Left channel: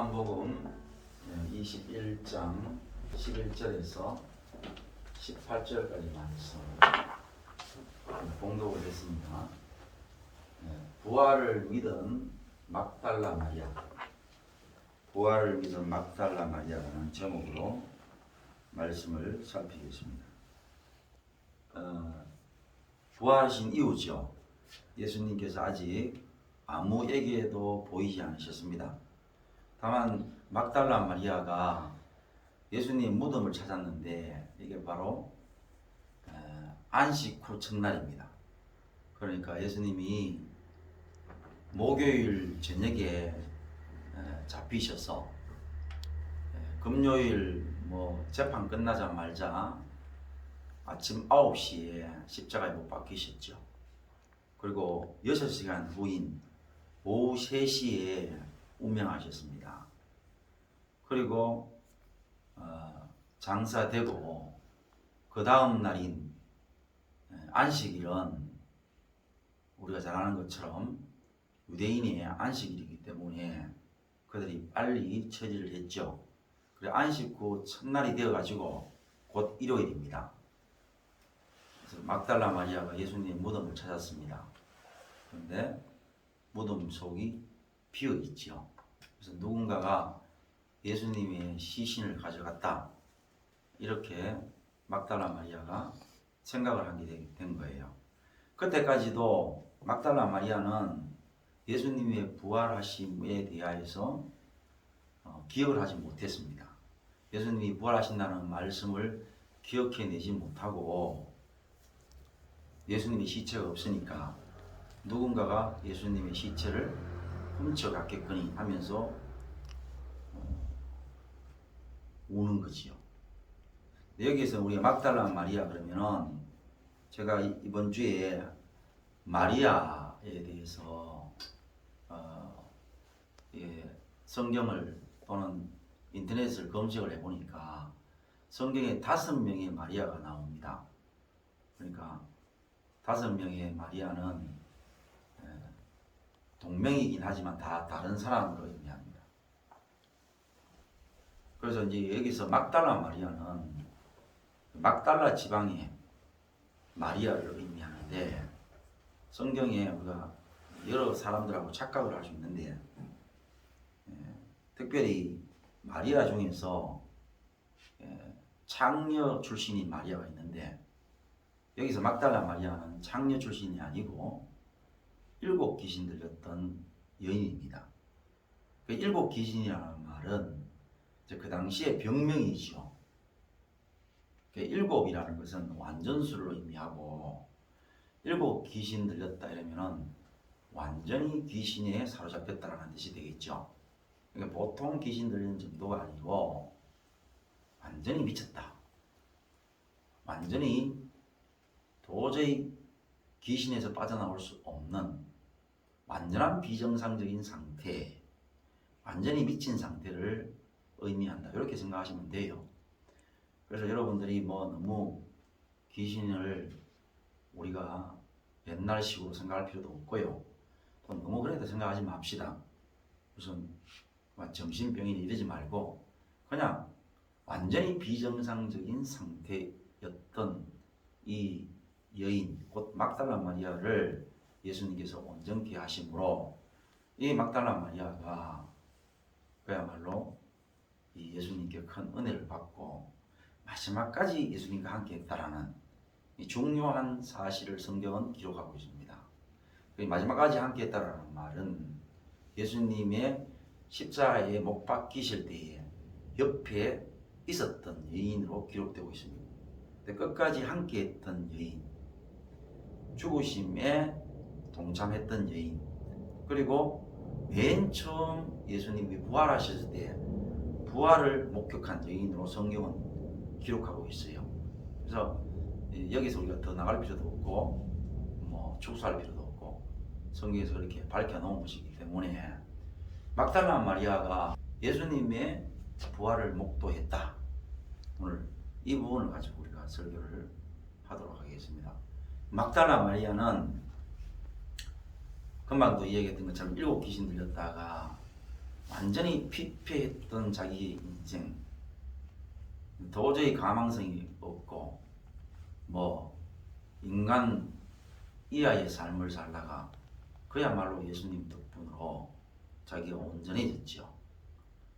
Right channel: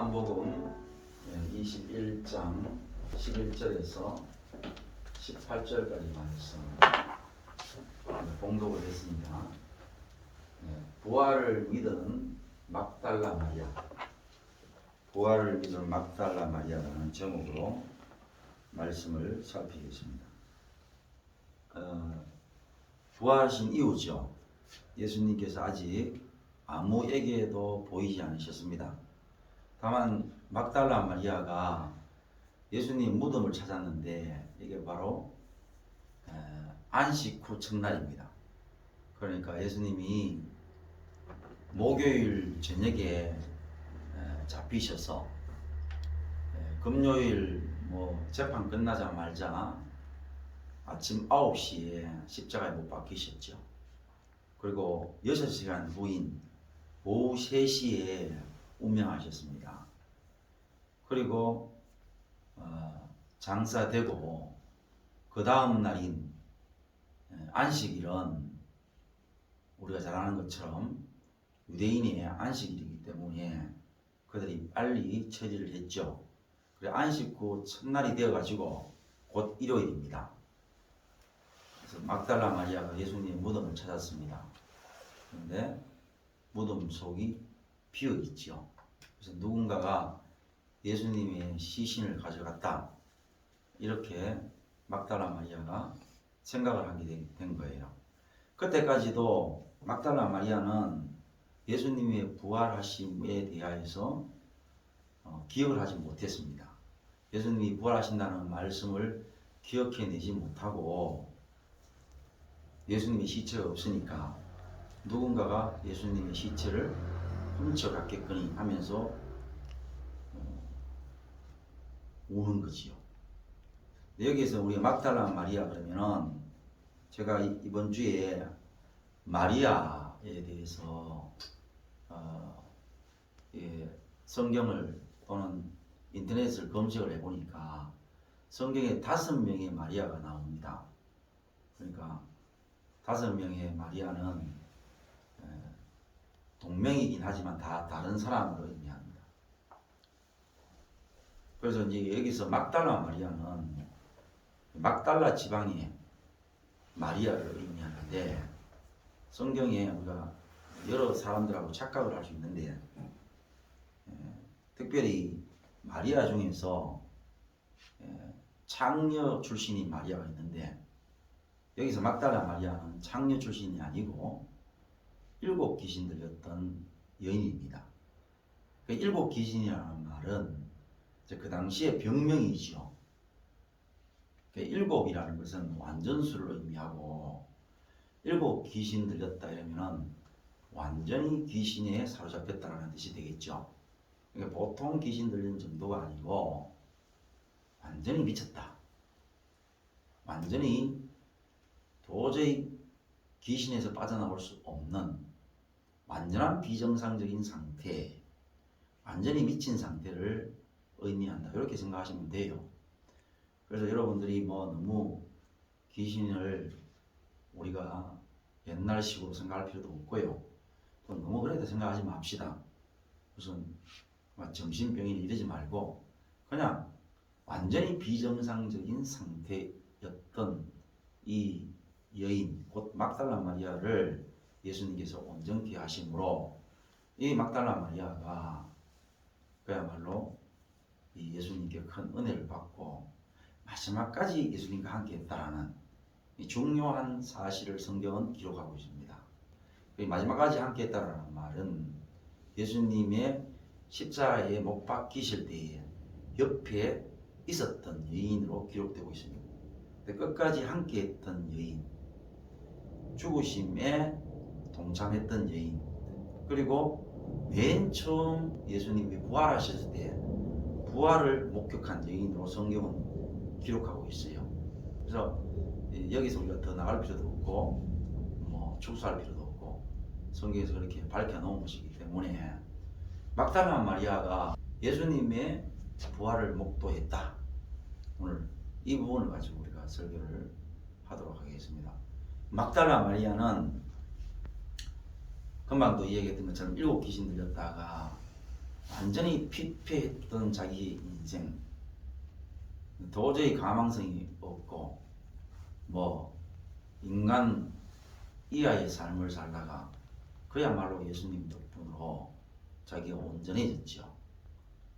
요한복음 21장 11절에서 18절까지 말씀 봉독을 했습니다. 부활을 믿은 막달라 마리아, 부활을 믿은 막달라 마리아라는 제목으로 말씀을 살피겠습니다. 부활하신 이후죠. 예수님께서 아직 아무에게도 보이지 않으셨습니다. 다만 막달라 마리아가 예수님 무덤을 찾았는데 이게 바로 안식 후 첫날입니다. 그러니까 예수님이 목요일 저녁에 잡히셔서 금요일 재판 끝나자마자 아침 9시에 십자가에 못 박히셨죠. 그리고 6시간 후인 오후 3시에 운명하셨습니다. 그리고 장사되고 그 다음 날인 안식일은 우리가 잘 아는 것처럼 유대인의 안식일이기 때문에 그들이 빨리 처리를 했죠. 그래 안식 후 첫날이 되어가지고 곧 일요일입니다. 그래서 막달라 마리아가 예수님의 무덤을 찾았습니다. 그런데 무덤 속이 비어 있죠. 그래서 누군가가 예수님의 시신을 가져갔다, 이렇게 막달라 마리아가 생각을 하게 된 거예요. 그때까지도 막달라 마리아는 예수님의 부활하심에 대하여서 기억을 하지 못했습니다. 예수님이 부활하신다는 말씀을 기억해내지 못하고 예수님의 시체가 없으니까 누군가가 예수님의 시체를 훔쳐갔겠거니 하면서 우는 거지요. 여기에서 우리가 막달라 마리아 그러면은 제가 이번 주에 마리아에 대해서 성경을 또는 인터넷을 검색을 해보니까 성경에 5명의 마리아가 나옵니다. 그러니까 5명의 마리아는 동명이긴 하지만 다 다른 사람으로 의미합니다. 그래서 이제 여기서 막달라 마리아는 막달라 지방의 마리아를 의미하는데, 성경에 우리가 여러 사람들하고 착각을 할 수 있는데 특별히 마리아 중에서 창녀 출신인 마리아가 있는데, 여기서 막달라 마리아는 창녀 출신이 아니고 7 귀신 들렸던 여인입니다. 그 7 귀신이라는 말은 그 당시에 병명이죠. 그 7이라는 것은 완전수를 의미하고 7 귀신 들렸다 이러면은 완전히 귀신에 사로잡혔다는 뜻이 되겠죠. 그러니까 보통 귀신 들린 정도가 아니고 완전히 미쳤다, 완전히 도저히 귀신에서 빠져나올 수 없는 완전한 비정상적인 상태, 완전히 미친 상태를 의미한다, 이렇게 생각하시면 돼요. 그래서 여러분들이 너무 귀신을 우리가 옛날식으로 생각할 필요도 없고요, 또 너무 그렇게 생각하지 맙시다. 무슨 정신병이 이러지 말고 그냥 완전히 비정상적인 상태였던 이 여인, 곧 막달라 마리아를 예수님께서 온전케 하심으로 이 막달라 마리아가 그야말로 이 예수님께 큰 은혜를 받고 마지막까지 예수님과 함께 했다라는 이 중요한 사실을 성경은 기록하고 있습니다. 마지막까지 함께 했다라는 말은 예수님의 십자가에 못 박히실 때에 옆에 있었던 여인으로 기록되고 있습니다. 끝까지 함께 했던 여인, 죽으심에 동참했던 여인, 그리고 맨 처음 예수님이 부활하셨을 때 부활을 목격한 여인으로 성경은 기록하고 있어요. 그래서 여기서 우리가 더 나갈 필요도 없고 축소할 필요도 없고 성경에서 그렇게 밝혀놓은 것이기 때문에 막달라 마리아가 예수님의 부활을 목도했다. 오늘 이 부분을 가지고 우리가 설교를 하도록 하겠습니다. 막달라 마리아는 금방도 이야기했던 것처럼 7 귀신 들렸다가 완전히 피폐했던 자기 인생, 도저히 가망성이 없고 뭐 인간 이하의 삶을 살다가 그야말로 예수님 덕분으로 자기가 온전해졌죠.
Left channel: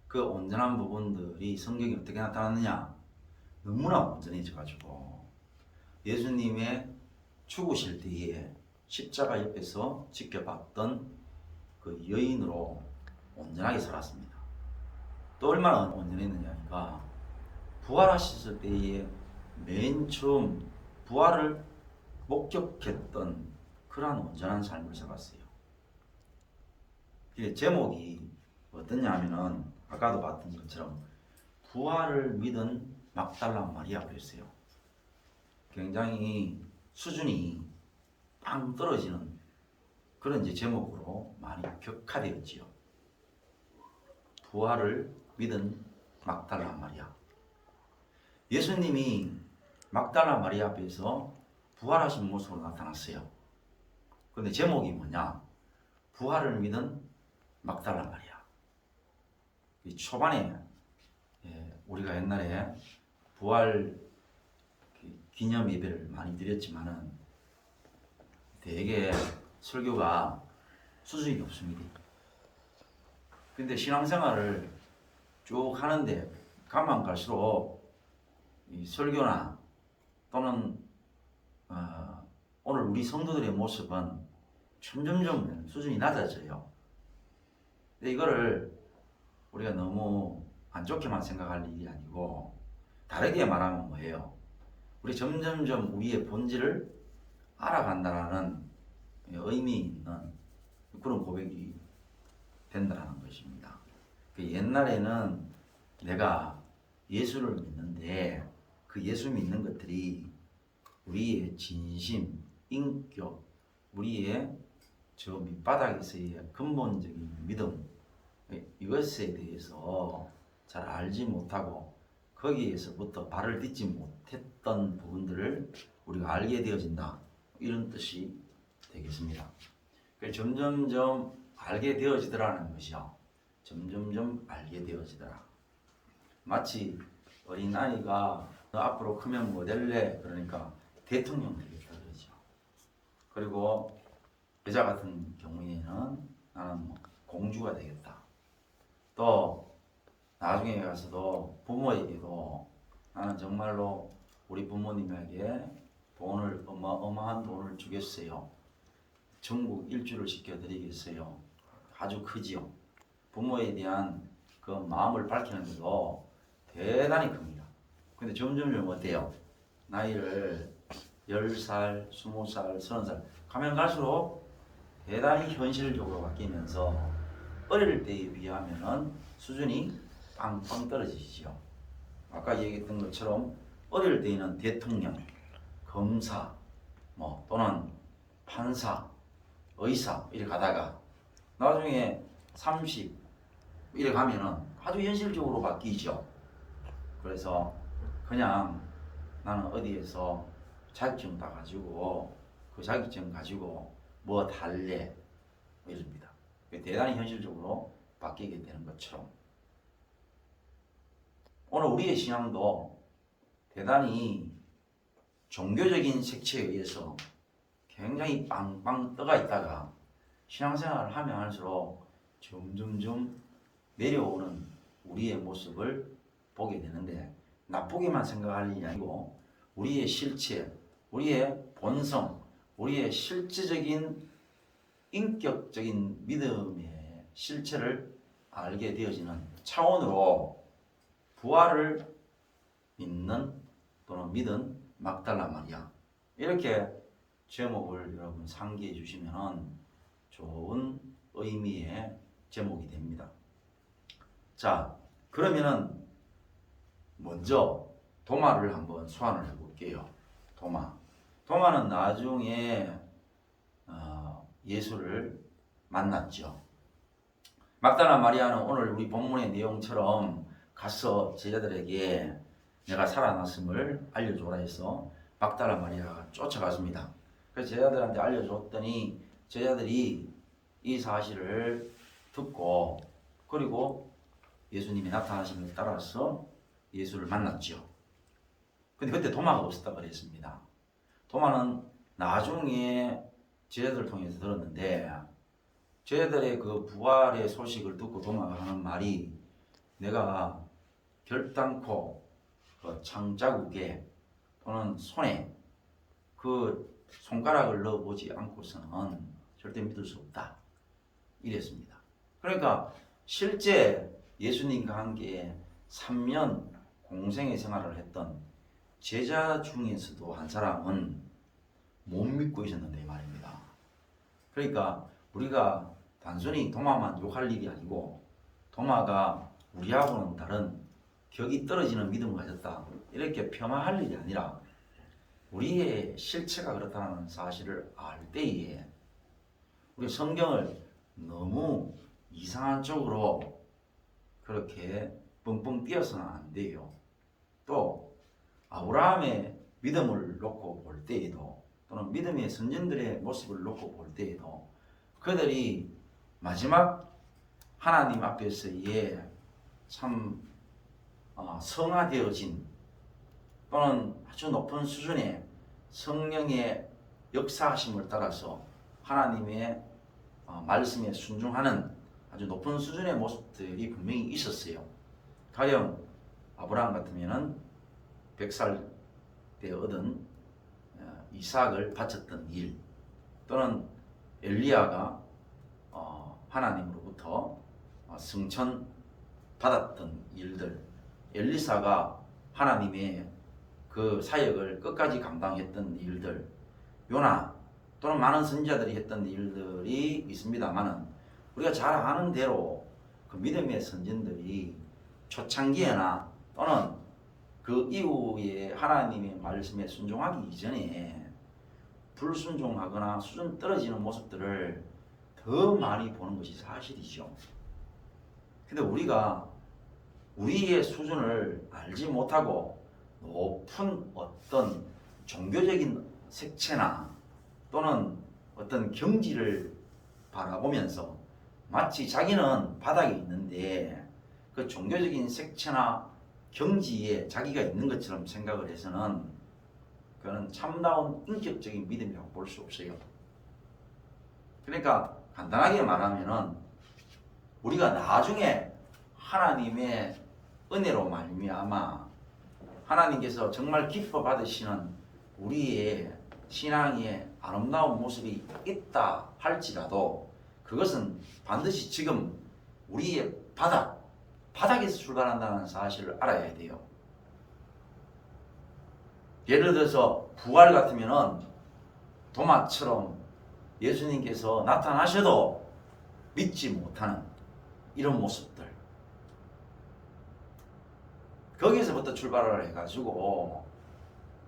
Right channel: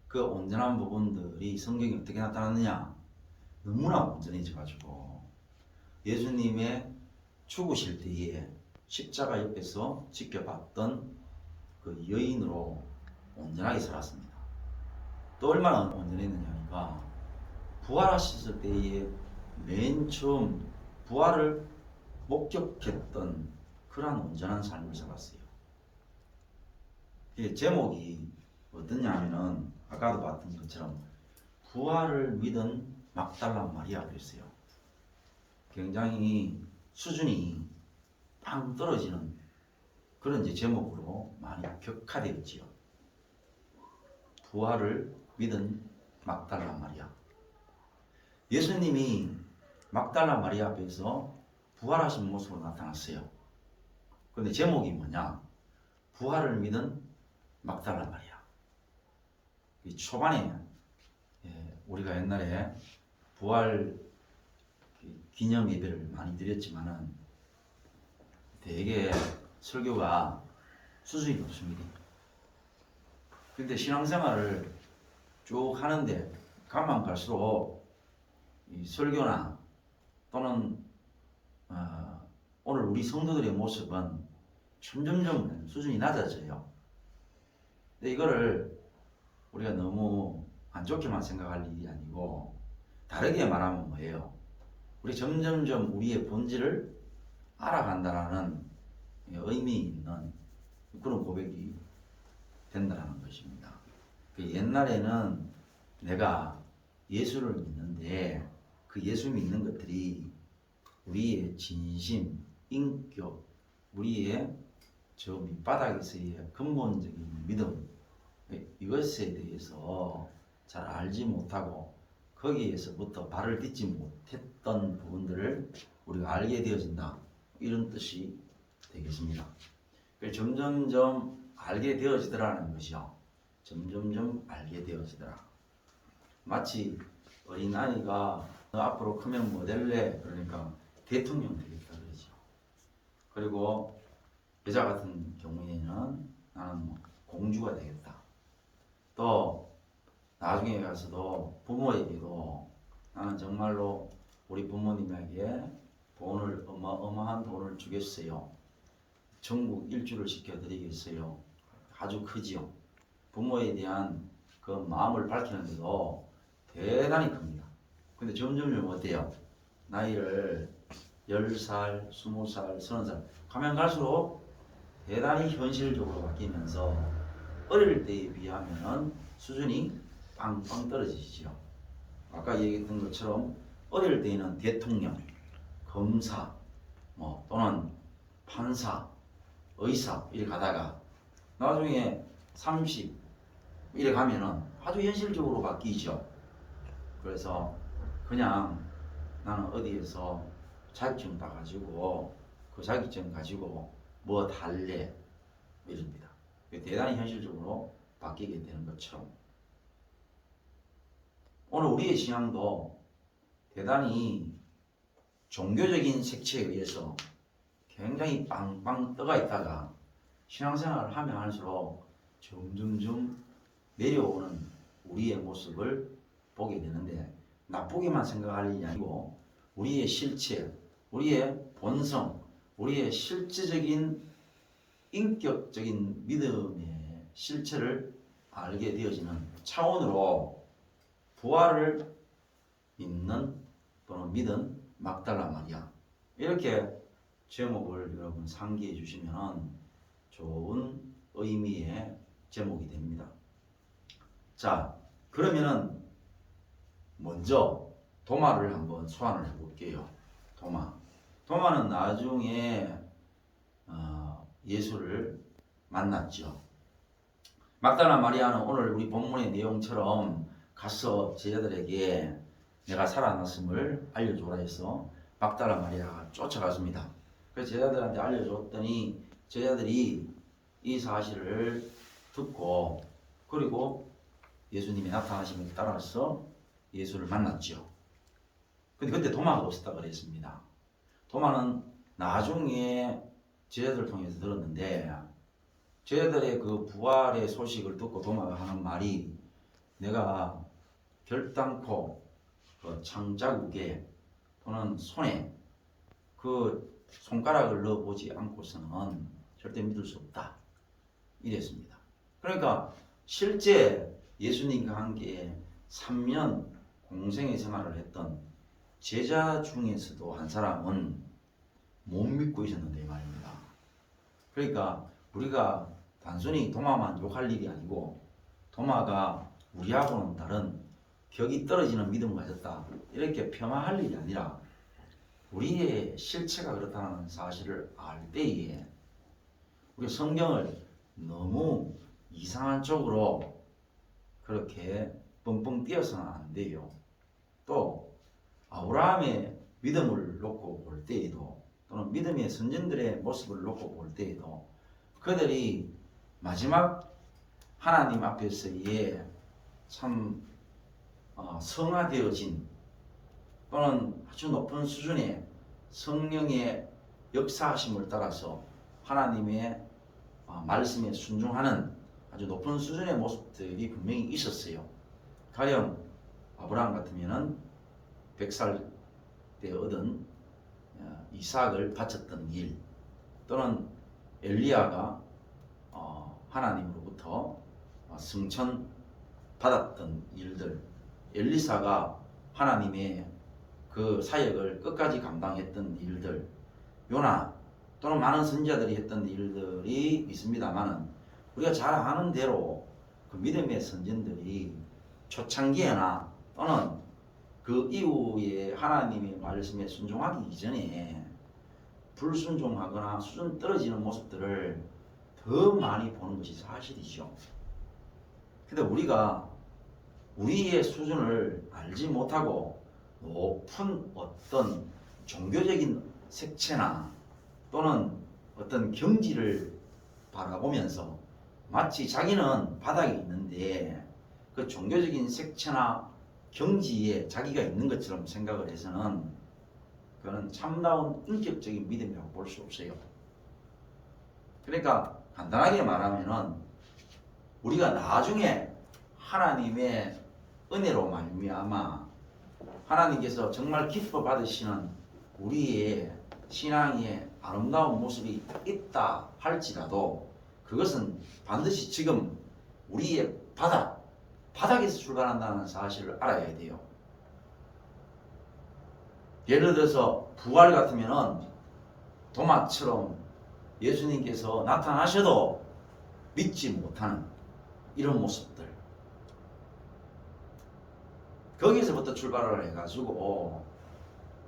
그 온전한 부분들이 성경에 어떻게 나타났느냐? 너무나 온전해져가지고 예수님의 죽으실 때에 십자가 옆에서 지켜봤던 그 여인으로 온전하게 살았습니다. 또 얼마나 온전했느냐니까 부활하셨을 때에 맨 처음 부활을 목격했던 그러한 온전한 삶을 살았어요. 제목이 어떠냐 하면은 아까도 봤던 것처럼 부활을 믿은 막달라 마리아 그랬어요. 굉장히 수준이 빵 떨어지는 그런 이제 제목으로 많이 격화되었지요. 부활을 믿은 막달라 마리아. 예수님이 막달라 마리아 앞에서 부활하신 모습으로 나타났어요. 근데 제목이 뭐냐? 부활을 믿은 막달라 마리아. 이 초반에 우리가 옛날에 부활 기념 예배를 많이 드렸지만은 되게 설교가 수준이 높습니다. 근데 신앙생활을 쭉 하는데 가면 갈수록 이 설교나 또는 오늘 우리 성도들의 모습은 점점점 수준이 낮아져요. 근데 이거를 우리가 너무 안 좋게만 생각할 일이 아니고 다르게 말하면 뭐예요? 우리 점점점 우리의 본질을 알아간다는 의미 있는 그런 고백이 된다는 것입니다. 옛날에는 내가 예수를 믿는데 그 예수 믿는 것들이 우리의 진심, 인격, 우리의 저 밑바닥에서의 근본적인 믿음 이것에 대해서 잘 알지 못하고 거기에서부터 발을 딛지 못했던 부분들을 우리가 알게 되어진다 이런 뜻이 되겠습니다. 점점점 알게 되어지더라는 것이요. 점점점 알게 되어지더라. 마치 어린아이가 너 앞으로 크면 뭐 될래? 그러니까 대통령 되겠다 그러죠. 그리고 여자 같은 경우에는 나는 뭐 공주가 되겠다. 또 나중에 가서도 부모에게도 나는 정말로 우리 부모님에게 돈을 어마어마한 돈을 주겠어요. 전국 일주를 시켜드리겠어요. 아주 크지요. 부모에 대한 그 마음을 밝히는데도 대단히 큽니다. 근데 점점 어때요? 나이를 10살, 20살, 30살 가면 갈수록 대단히 현실적으로 바뀌면서 어릴 때에 비하면 수준이 빵빵 떨어지죠. 아까 얘기했던 것처럼 어릴 때에는 대통령, 검사, 뭐 또는 판사, 의사 이렇게 가다가 나중에 30 이래 가면은 아주 현실적으로 바뀌죠. 그래서 그냥 나는 어디에서 자격증 따가지고 그 자격증 가지고 뭐 달래 이럽니다. 대단히 현실적으로 바뀌게 되는 것처럼 오늘 우리의 신앙도 대단히 종교적인 색채에 의해서 굉장히 빵빵 떠가 있다가 신앙생활을 하면 할수록 점점점 내려오는 우리의 모습을 보게 되는데 나쁘게만 생각할 일이 아니고 우리의 실체, 우리의 본성, 우리의 실제적인 인격적인 믿음의 실체를 알게 되어지는 차원으로 부활을 믿는 또는 믿은 막달라 마리아 이렇게 제목을 여러분 상기해 주시면 좋은 의미의 제목이 됩니다. 자, 그러면은 먼저 도마를 한번 소환을 해볼게요. 도마는 나중에 예수를 만났죠. 막달라 마리아는 오늘 우리 본문의 내용처럼 가서 제자들에게 내가 살아났음을 알려줘라 해서 막달라 마리아가 쫓아갔습니다. 그래서 제자들한테 알려줬더니 제자들이 이 사실을 듣고 그리고 예수님이 나타나심을 따라서 예수를 만났죠. 근데 그때 도마가 없었다 그랬습니다. 도마는 나중에 제자들 통해서 들었는데, 제자들의 그 부활의 소식을 듣고 도마가 하는 말이, 내가 결단코 그 창자국에 또는 손에 그 손가락을 넣어보지 않고서는 절대 믿을 수 없다, 이랬습니다. 그러니까 실제 예수님과 함께 3년 공생의 생활을 했던 제자 중에서도 한 사람은 못 믿고 있었는데 말입니다. 그러니까 우리가 단순히 도마만 욕할 일이 아니고, 도마가 우리하고는 다른 격이 떨어지는 믿음을 가졌다, 이렇게 폄하할 일이 아니라, 우리의 실체가 그렇다는 사실을 알 때에 우리 성경을 너무 이상한 쪽으로 그렇게 뻥뻥 띄어서는 안 돼요. 또 아브라함의 믿음을 놓고 볼 때에도, 또는 믿음의 선진들의 모습을 놓고 볼 때에도, 그들이 마지막 하나님 앞에서의 참 성화되어진, 또는 아주 높은 수준의 성령의 역사하심을 따라서 하나님의 말씀에 순종하는 아주 높은 수준의 모습들이 분명히 있었어요. 가령 아브라함 같으면은 100살 때 얻은 이삭을 바쳤던 일, 또는 엘리야가 하나님으로부터 승천 받았던 일들, 엘리사가 하나님의 그 사역을 끝까지 감당했던 일들, 요나 또는 많은 선지자들이 했던 일들이 있습니다만은, 우리가 잘 아는 대로 그 믿음의 선진들이 초창기에나 또는 그 이후에 하나님의 말씀에 순종하기 이전에 불순종하거나 수준 떨어지는 모습들을 더 많이 보는 것이 사실이죠. 근데 우리가 우리의 수준을 알지 못하고 높은 어떤 종교적인 색채나 또는 어떤 경지를 바라보면서 마치 자기는 바닥에 있는데 그 종교적인 색채나 경지에 자기가 있는 것처럼 생각을 해서는, 그거는 참다운 인격적인 믿음이라고 볼 수 없어요. 그러니까 간단하게 말하면은, 우리가 나중에 하나님의 은혜로 말미암아 하나님께서 정말 기뻐 받으시는 우리의 신앙의 아름다운 모습이 있다 할지라도, 그것은 반드시 지금 우리의 바닥에서 출발한다는 사실을 알아야 돼요. 예를 들어서 부활 같으면은 도마처럼 예수님께서 나타나셔도 믿지 못하는 이런 모습들, 거기서부터 출발을 해가지고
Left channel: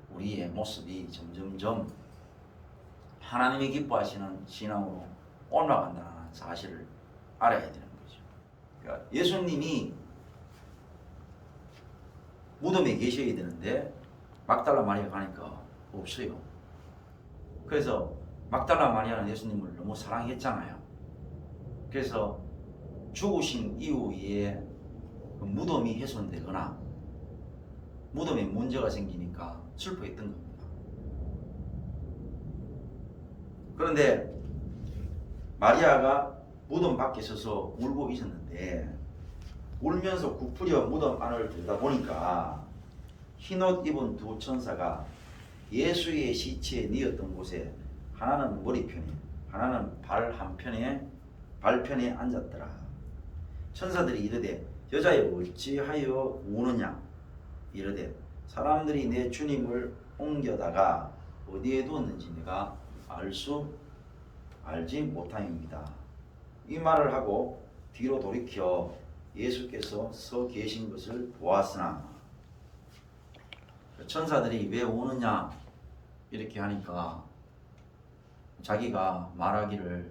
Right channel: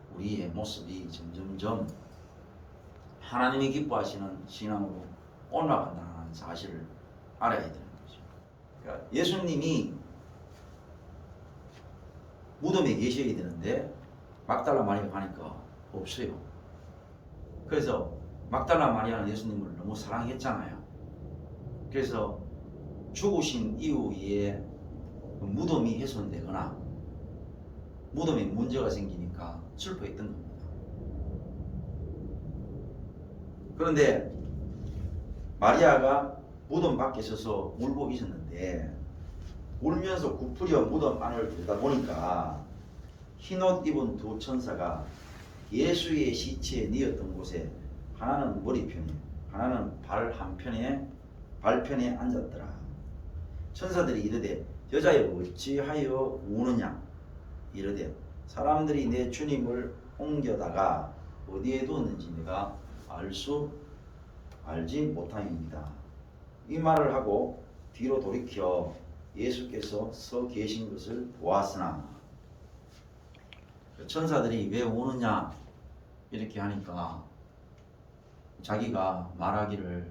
우리의 모습이 점점점 하나님이 기뻐하시는 신앙으로 올라간다는 사실을 알아야 되는 거죠. 그러니까 예수님이 무덤에 계셔야 되는데 막달라 마리아 가니까 없어요. 그래서 막달라 마리아는 예수님을 너무 사랑했잖아요. 그래서 죽으신 이후에 그 무덤이 훼손되거나 무덤에 문제가 생기니까 슬퍼했던 겁니다. 그런데 마리아가 무덤 밖에 서서 울고 있었는데, 울면서 굽부려 무덤 안을 들여다보니까 흰옷 입은 두 천사가 예수의 시체에 뉘었던 곳에, 하나는 머리편에 하나는 발편에 앉았더라. 천사들이 이르되, 여자여 어찌하여 우느냐? 이르되, 사람들이 내 주님을 옮겨다가 어디에 두었는지 내가 알지 못하입니다. 이 말을 하고 뒤로 돌이켜 예수께서 서 계신 것을 보았으나, 천사들이 왜 우느냐 이렇게 하니까 자기가 말하기를,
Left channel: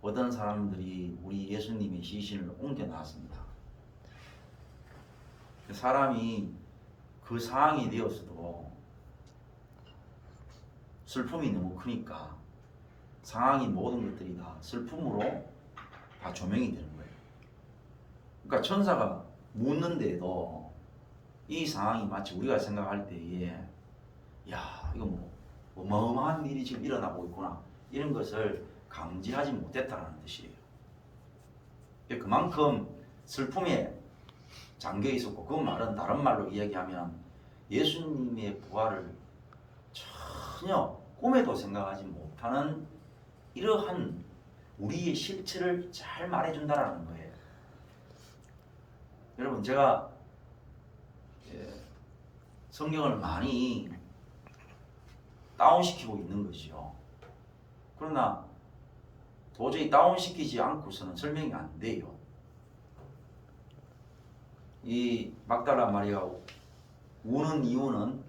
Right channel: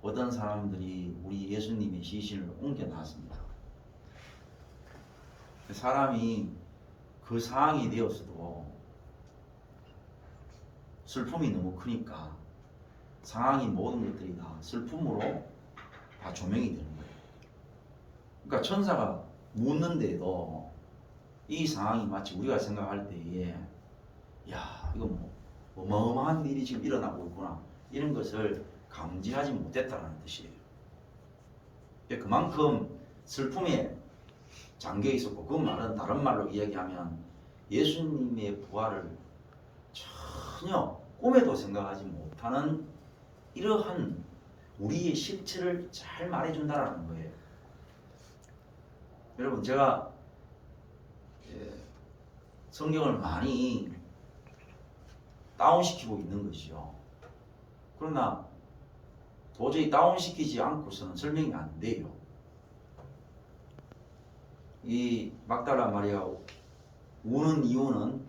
어떤 사람들이 우리 예수님의 시신을 옮겨놨습니다. 사람이 그 상황이 되었어도 슬픔이 너무 크니까 상황이 모든 것들이 다 슬픔으로 다 조명이 되는 거예요. 그러니까 천사가 묻는데도 이 상황이 마치 우리가 생각할 때에 야 이거 뭐 어마어마한 일이 지금 일어나고 있구나 이런 것을 감지하지 못했다라는 뜻이에요. 그만큼 슬픔에 잠겨 있었고, 그 말은 다른 말로 이야기하면 예수님의 부활을 전혀 꿈에도 생각하지 못하는 이러한 우리의 실체를 잘 말해준다라는 거예요. 여러분, 제가 성경을 많이 다운시키고 있는 것이요. 그러나 도저히 다운시키지 않고서는 설명이 안 돼요. 이 막달라 마리아가 우는 이유는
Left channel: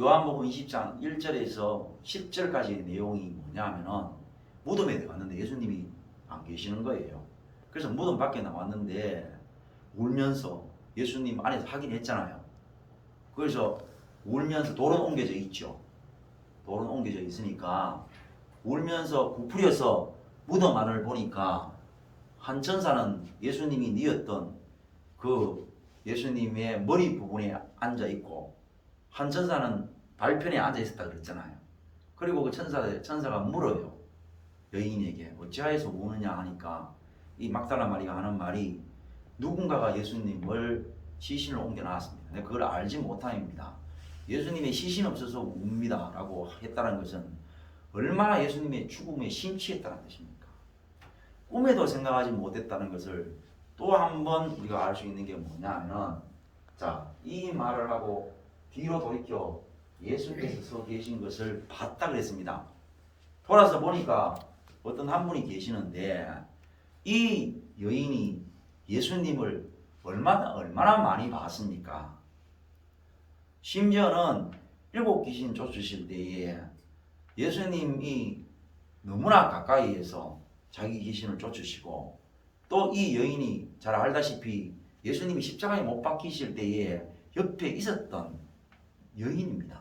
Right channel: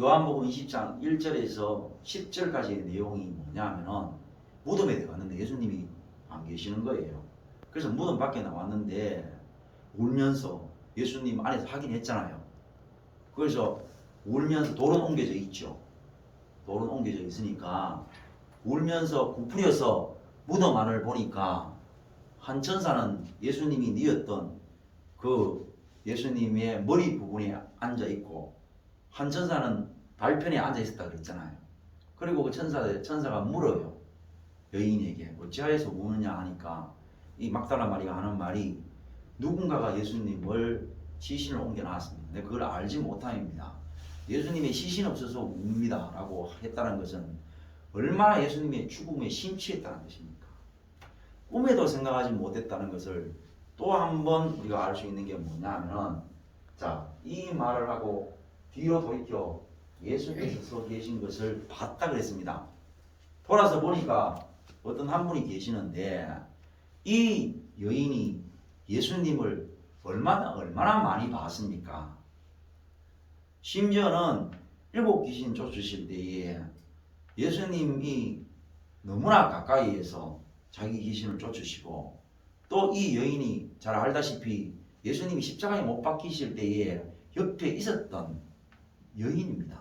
요한복음 20장 1절에서 10절까지의 내용이 뭐냐면은 무덤에 들어갔는데 예수님이 안 계시는 거예요. 그래서 무덤 밖에 나왔는데 울면서 예수님 안에서 확인했잖아요. 그래서 울면서 돌은 옮겨져 있죠. 돌은 옮겨져 있으니까 울면서 부풀려서 무덤 안을 보니까 한 천사는 예수님이 뉘었던 그 예수님의 머리 부분에 앉아 있고 한 천사는 발편에 앉아 있었다 그랬잖아요. 그리고 그 천사가 물어요. 여인에게 어찌하여서 우느냐 하니까 이 막달라 마리아가 하는 말이 누군가가 예수님을 시신을 옮겨 놨습니다. 근데 그걸 알지 못함입니다. 예수님의 시신 없어서 웁니다 라고 했다는 것은 얼마나 예수님의 죽음에 심취했다는 것입니까? 꿈에도 생각하지 못했다는 것을 또 한 번 우리가 알 수 있는 게 뭐냐면은, 자, 이 말을 하고 뒤로 돌이켜 예수께서 서 계신 것을 봤다 그랬습니다. 돌아서 보니까 어떤 한 분이 계시는데 이 여인이 예수님을 얼마나 많이 봤습니까? 심지어는 7 귀신 쫓으실 때에 예수님이 너무나 가까이에서 자기 귀신을 쫓으시고, 또 이 여인이 잘 알다시피 예수님이 십자가에 못 박히실 때에 옆에 있었던 여인입니다.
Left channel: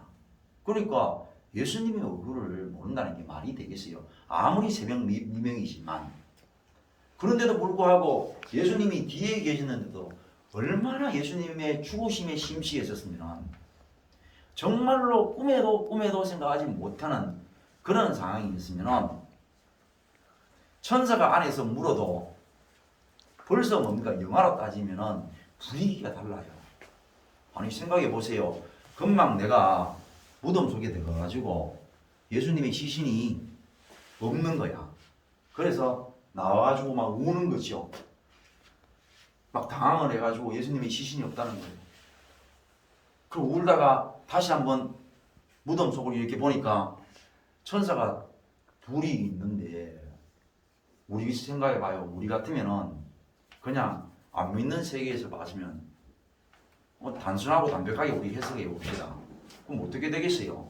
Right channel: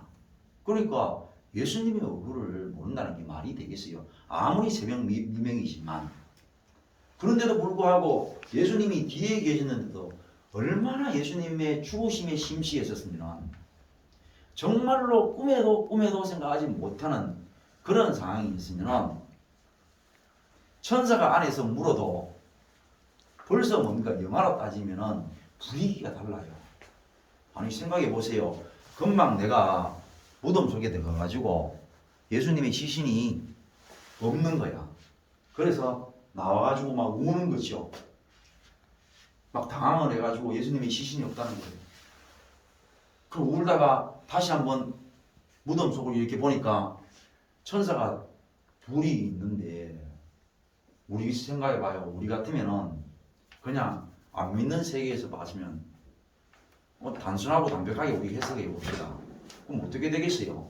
그러니까 예수님의 얼굴을 모른다는 게 말이 되겠어요? 아무리 새벽 미명이지만. 그런데도 불구하고 예수님이 뒤에 계시는데도 얼마나 예수님의 죽으심에 심취했었으면 정말로 꿈에도 생각하지 못하는 그런 상황이 있으면 천사가 안에서 물어도 벌써 뭡니까? 영화로 따지면 분위기가 달라요. 아니 생각해 보세요. 금방 내가 무덤 속에 들어가가지고 예수님의 시신이 없는 거야. 그래서 나와가지고 막 우는 거죠. 막 당황을 해가지고 예수님의 시신이 없다는 거예요. 그 울다가 다시 한번 무덤 속을 이렇게 보니까 천사가 둘이 있는데, 우리 생각해봐요. 우리 같으면은 그냥 안 믿는 세계에서 봐주면 단순하고 담백하게 우리 해석해 봅시다. 그럼 어떻게 되겠어요?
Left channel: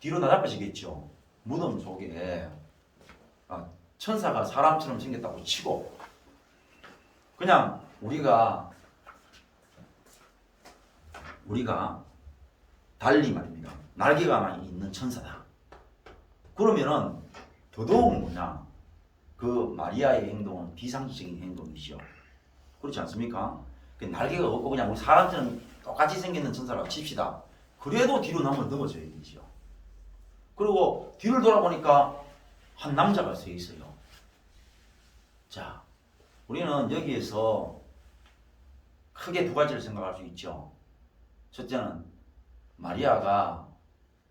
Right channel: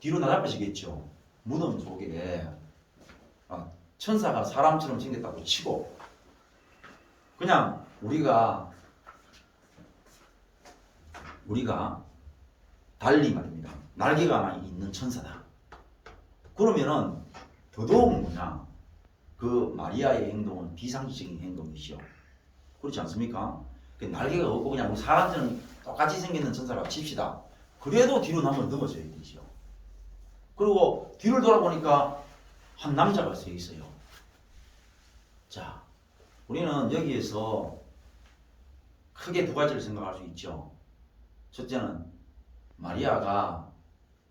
뒤로 나잡혀지겠죠. 무덤 속에 천사가 사람처럼 생겼다고 치고, 그냥 우리가 달리 말입니다. 날개가 많이 있는 천사다. 그러면은 더더욱 뭐냐, 그 마리아의 행동은 비상식적인 행동이죠. 그렇지 않습니까? 날개가 없고 그냥 사람처럼 똑같이 생기는 천사라고 칩시다. 그래도 뒤로 넘어져야 되죠. 그리고 뒤를 돌아보니까 한 남자가 서 있어요. 자, 우리는 여기에서 크게 두 가지를 생각할 수 있죠. 첫째는 마리아가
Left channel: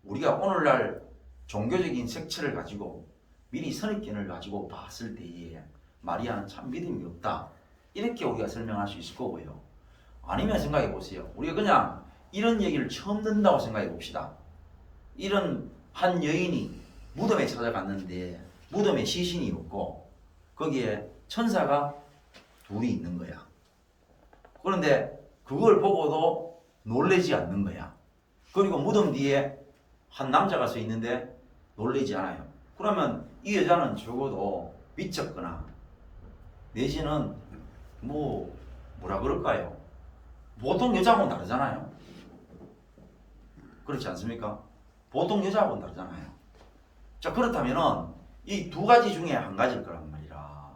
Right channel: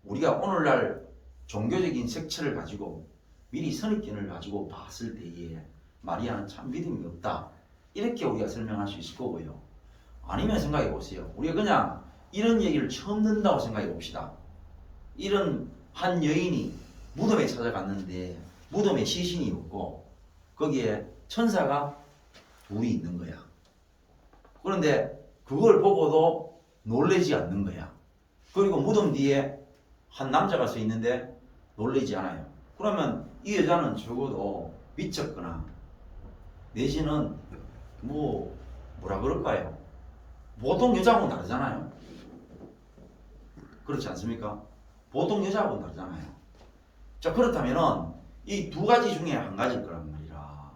우리가 오늘날 종교적인 색채를 가지고 미리 선입견을 가지고 봤을 때에 마리아는 참 믿음이 없다, 이렇게 우리가 설명할 수 있을 거고요. 아니면 생각해 보세요. 우리가 그냥 이런 얘기를 처음 듣는다고 생각해 봅시다. 이런 한 여인이 무덤에 찾아갔는데 무덤에 시신이 없고 거기에 천사가 둘이 있는 거야. 그런데 그걸 보고도 놀라지 않는 거야. 그리고 무덤 뒤에 한 남자가 서 있는데 놀라지 않아요. 그러면 이 여자는 적어도 미쳤거나 내지는 뭐라 그럴까요? 보통 여자하고는 다르잖아요. 그렇지 않습니까? 보통 여자하고는 다르잖아요. 자, 그렇다면은 이 두 가지 중에 한 가지일 거란 말이라.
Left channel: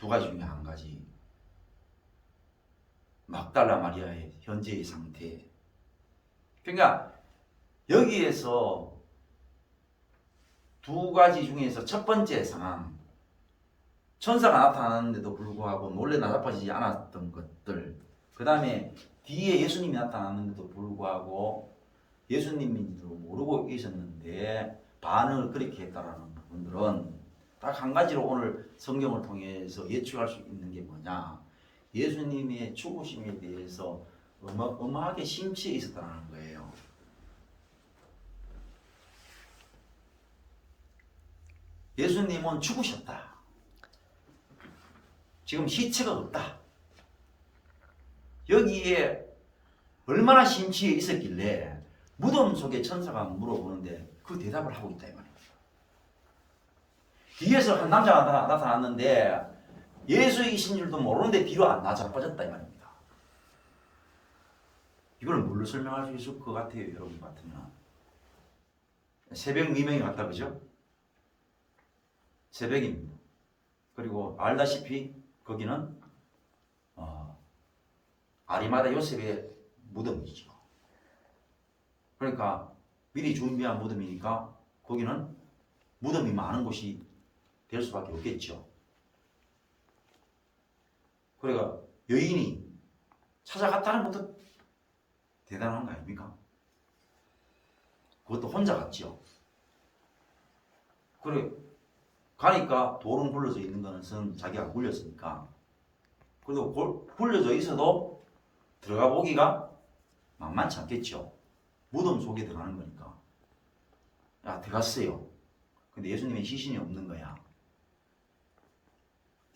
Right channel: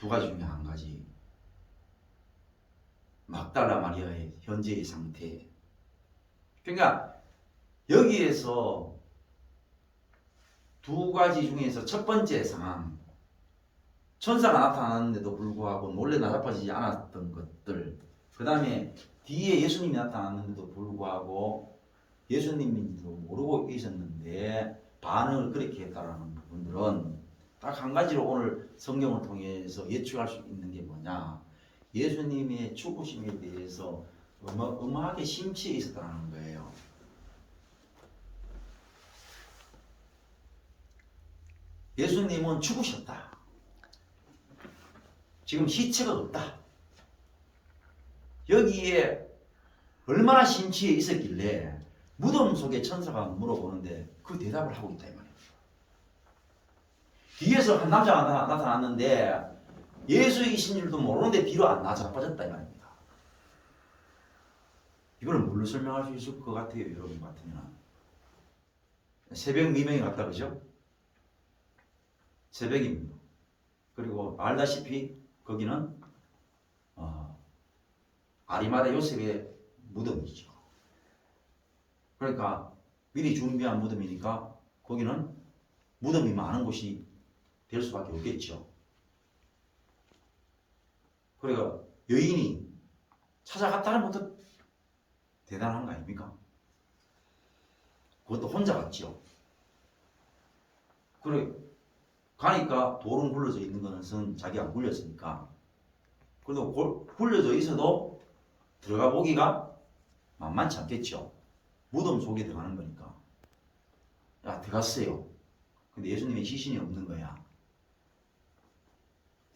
두 가지 중에 한 가지. 막달라 마리아의 현재의 상태. 그러니까 여기에서 두 가지 중에서 첫 번째 상황, 천사가 나타났는데도 불구하고 놀래 나자빠지지 않았던 것들, 그 다음에 뒤에 예수님이 나타났는데도 불구하고 예수님인지도 모르고 계셨는데 반응을 그렇게 했다라는 부분들은 딱 한 가지로 오늘 성경을 통해서 예측할 수 있는 게 뭐냐, 예수님의 죽으심에 대해서 어마어마하게 심취해 있었다는 거예요. 예수님은 죽으셨다. 지금 시체가 없다. 여기에 얼마나 심취해 있었길래 무덤 속에 천사가 물어보는데 그 대답을 하고 있다 이 말이에요. 뒤에서 한 남자가 나타났는데 예수이신 줄도 모르는데 뒤로 안 나자빠졌다 이 말입니다. 이걸 뭘로 설명할 수 있을 것 같아요, 여러분 같으면? 새벽 미명이 같다, 그죠? 새벽입니다. 그리고 알다시피 거기는 아리마다 요셉의 무덤이죠. 그러니까 미리 준비한 무덤이니까 거기는 무덤이 많은 곳이 될 수밖에 없겠죠. 그러니까 여인이 찾아갔다는 것도 대단한 거 아닙니까? 그것도 혼자 갔죠. 그래 가니까 돌은 굴러져 있는 것은 자기가 안 굴렸으니까. 그래도 굴려져 있어도 들어가 보기가 만만치 않겠죠. 무덤 속에 들어가는 거니까. 야, 들어갔어요. 근데 예수님의 시신이 없는 거야.